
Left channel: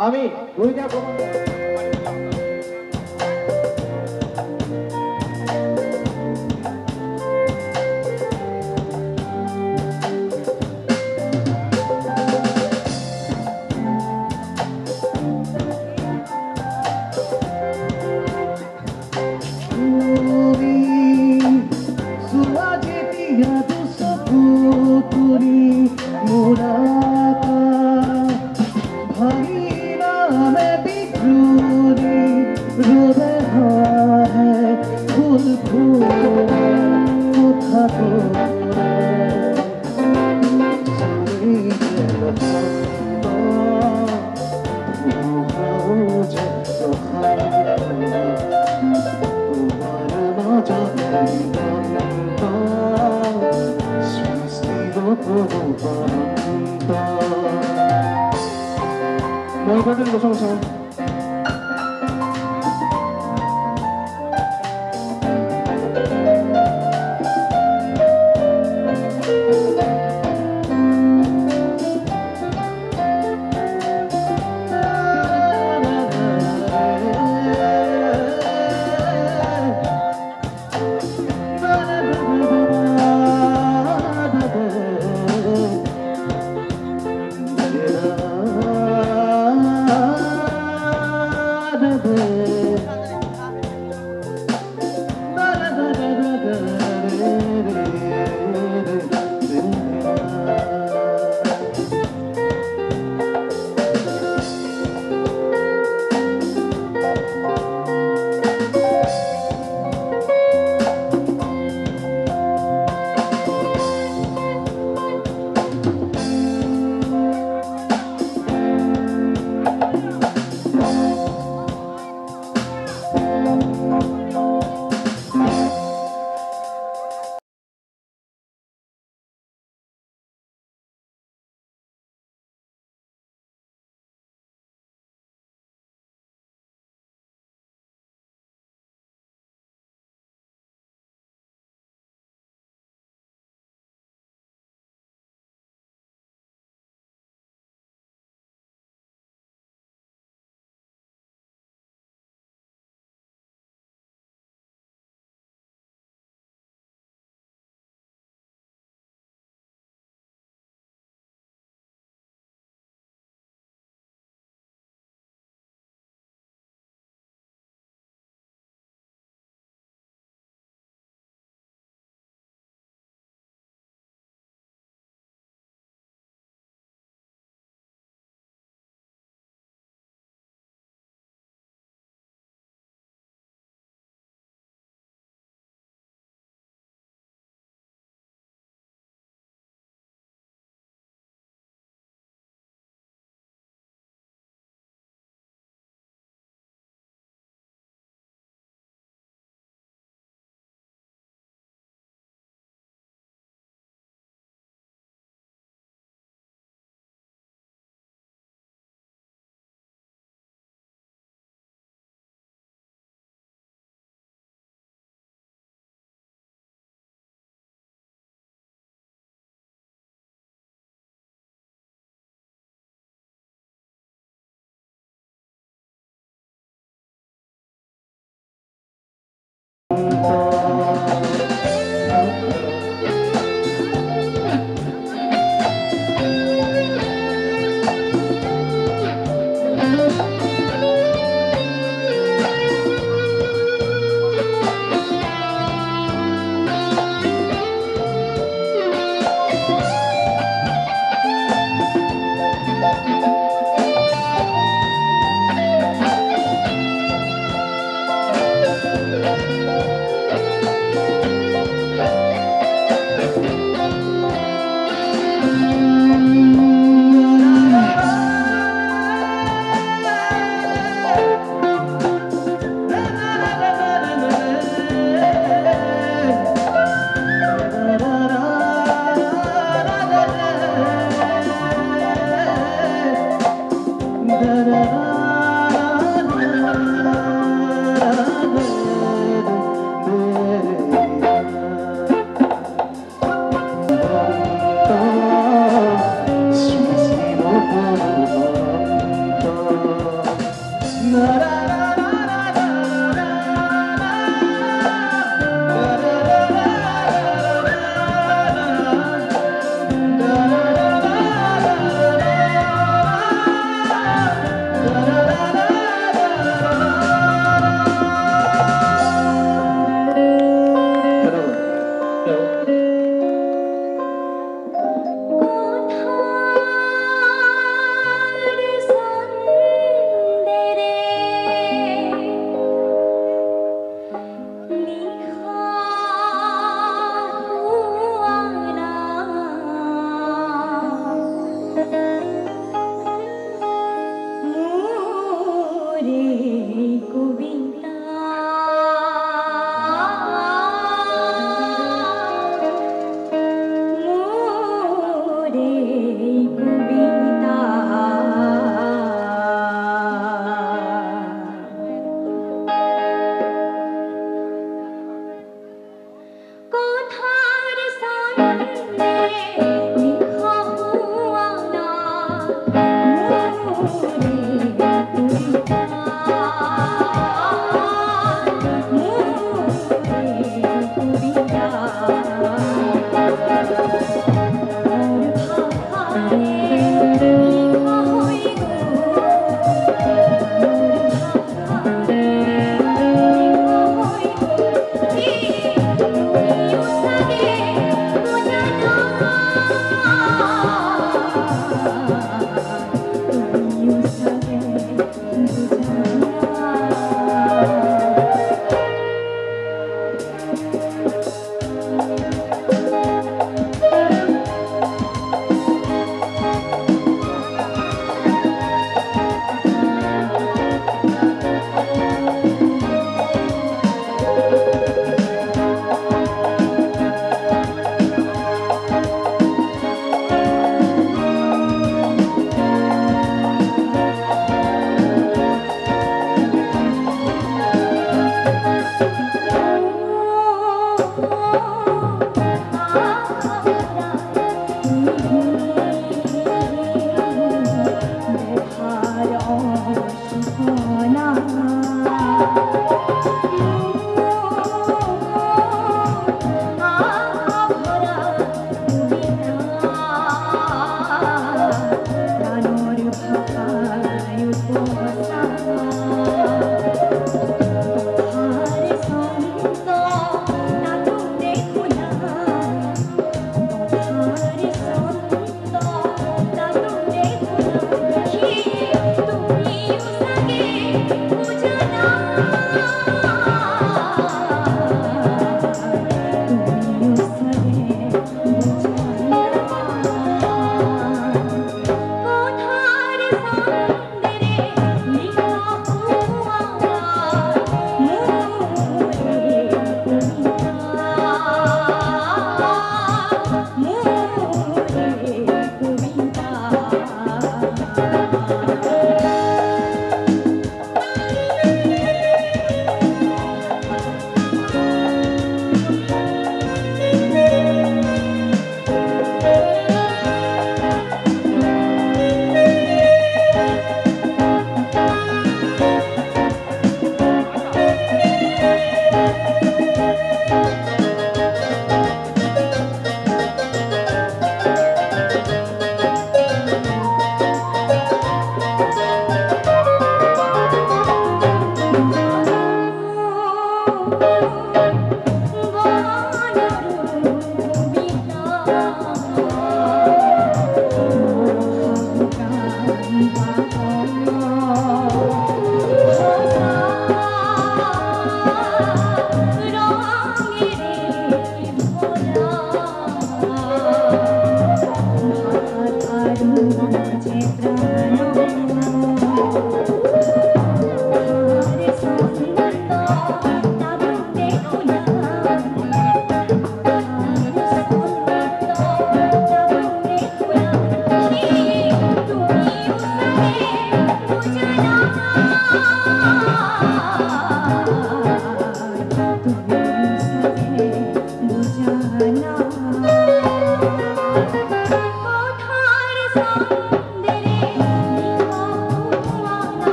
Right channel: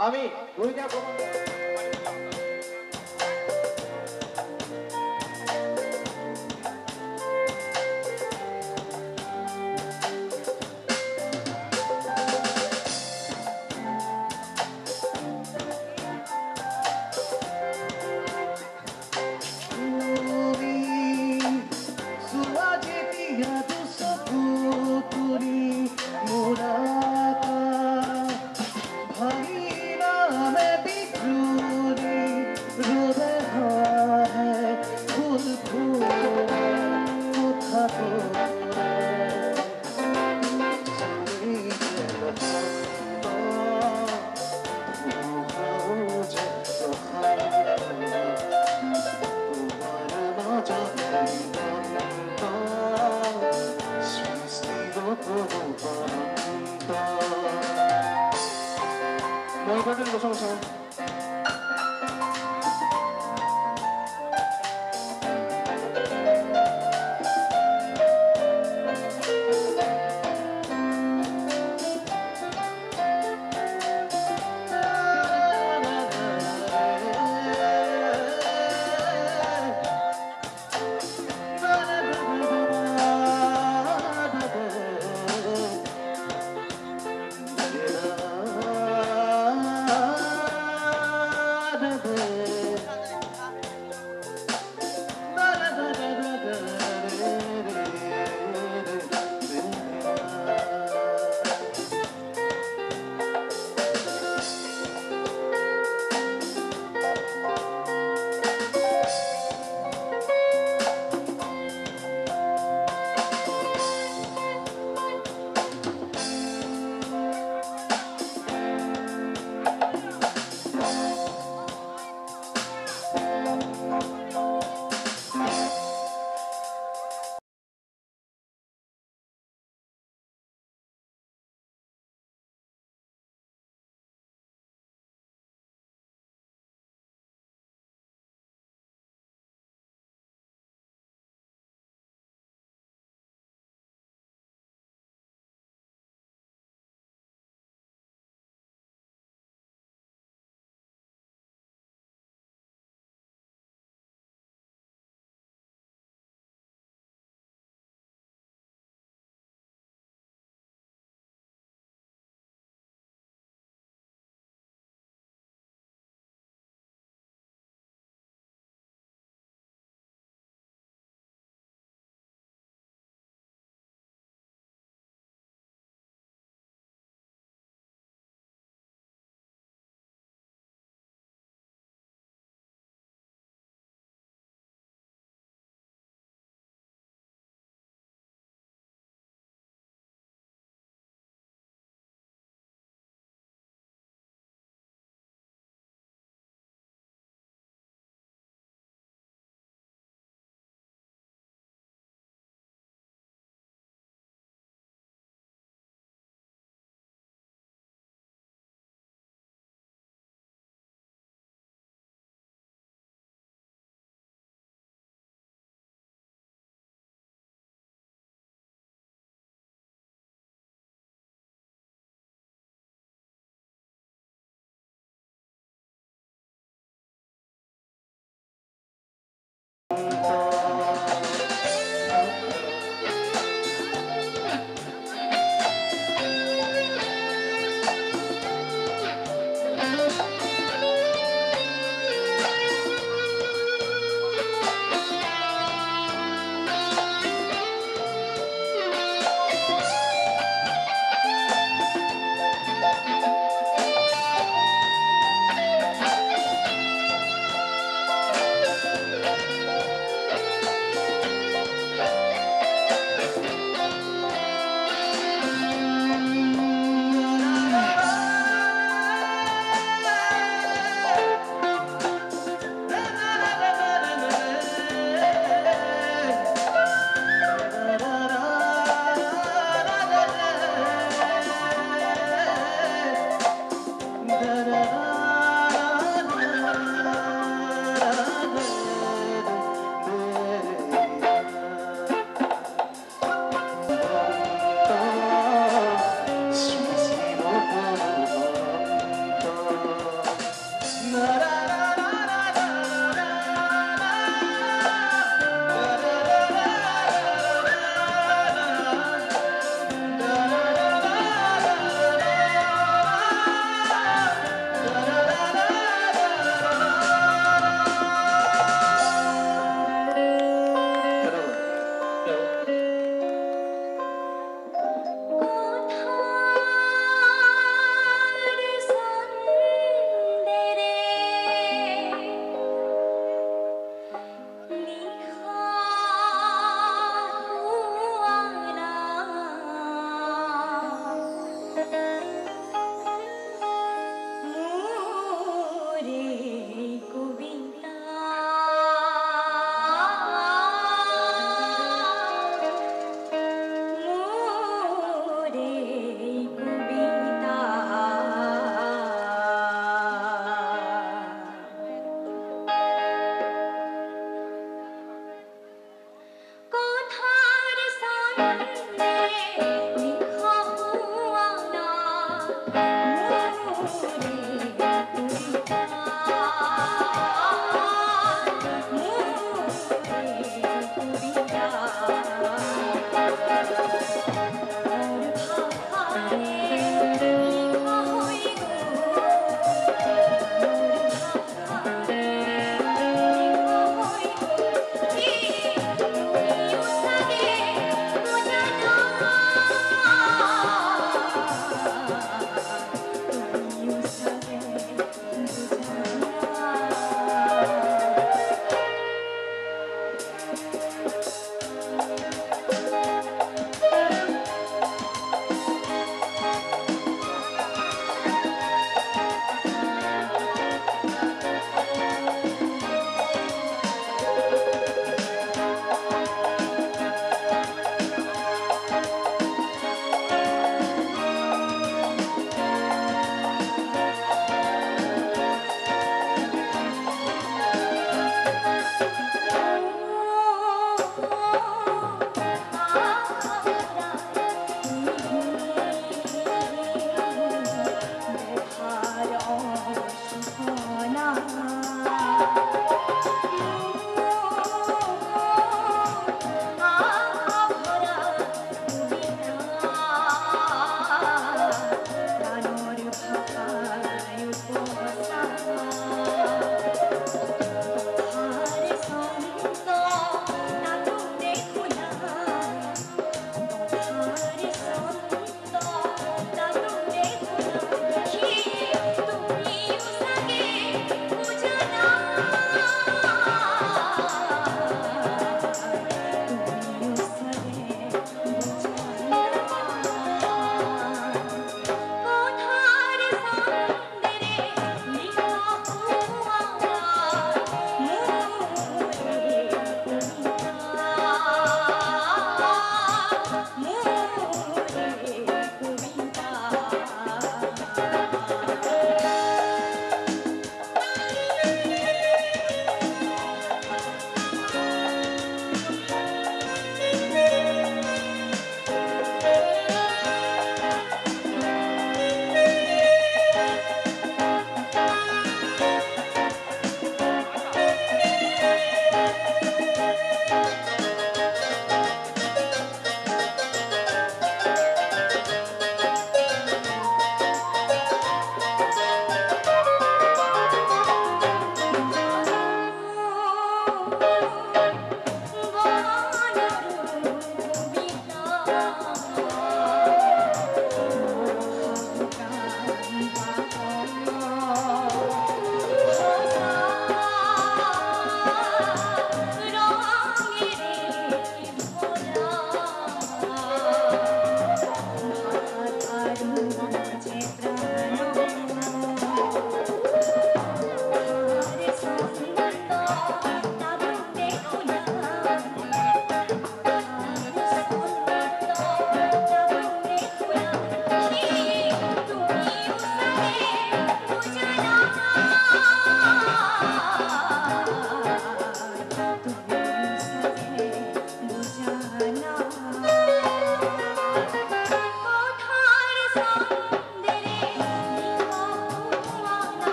আমি দুইটা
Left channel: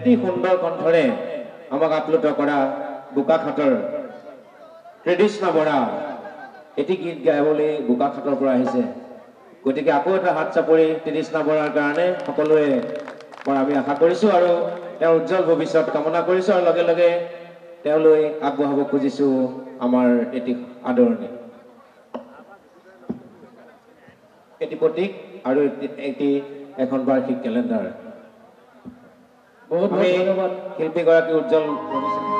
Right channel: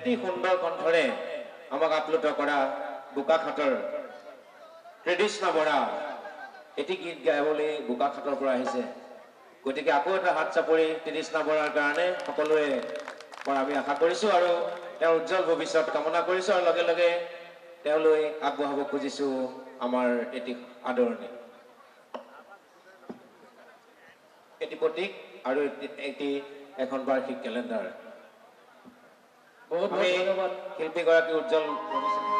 অতি সুন্দৰ কণ্ঠৰে আমাক আপ্লুত কৰা বোকাখাটৰ ত্ৰিদিষ্ণা বৰা এটি গীত গাবলৈ বোকাখাটৰ পৰা আহিছে। গতিকে আকৌ এটা হাত চাপৰি ত্ৰিদিষ্ণা বৰাৰ কাৰণে সকলোৱে মই আমি আশা কৰিছোঁ আৰু তেওঁৰ উজ্জ্বল ভৱিষ্যত কামনা কৰিছোঁ আৰু লগে লগে তেওঁলৈ আগবঢ়াব খুজিছোঁ আমাৰ এটি আদৰণি এটি প্ৰতীক আৰু এটি এখন বাৰ্ষিক কেলেণ্ডাৰ বহুত বহুত ধন্যবাদ শিল্পীগৰাকী উজ্জ্বল ভৱিষ্যত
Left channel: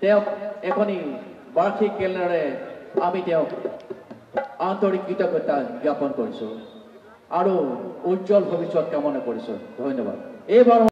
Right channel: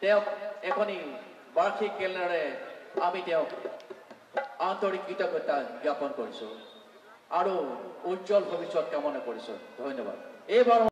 তেওঁক এখনি বাৰ্ষিক কেলেণ্ডাৰে আমি তেওঁক আন্তৰিক কৃতজ্ঞতা জ্ঞাপন কৰিছোঁ আৰু উজ্জ্বল ভৱিষ্যত কামনা কৰিছোঁ। ধন্যবাদ। এইবাৰ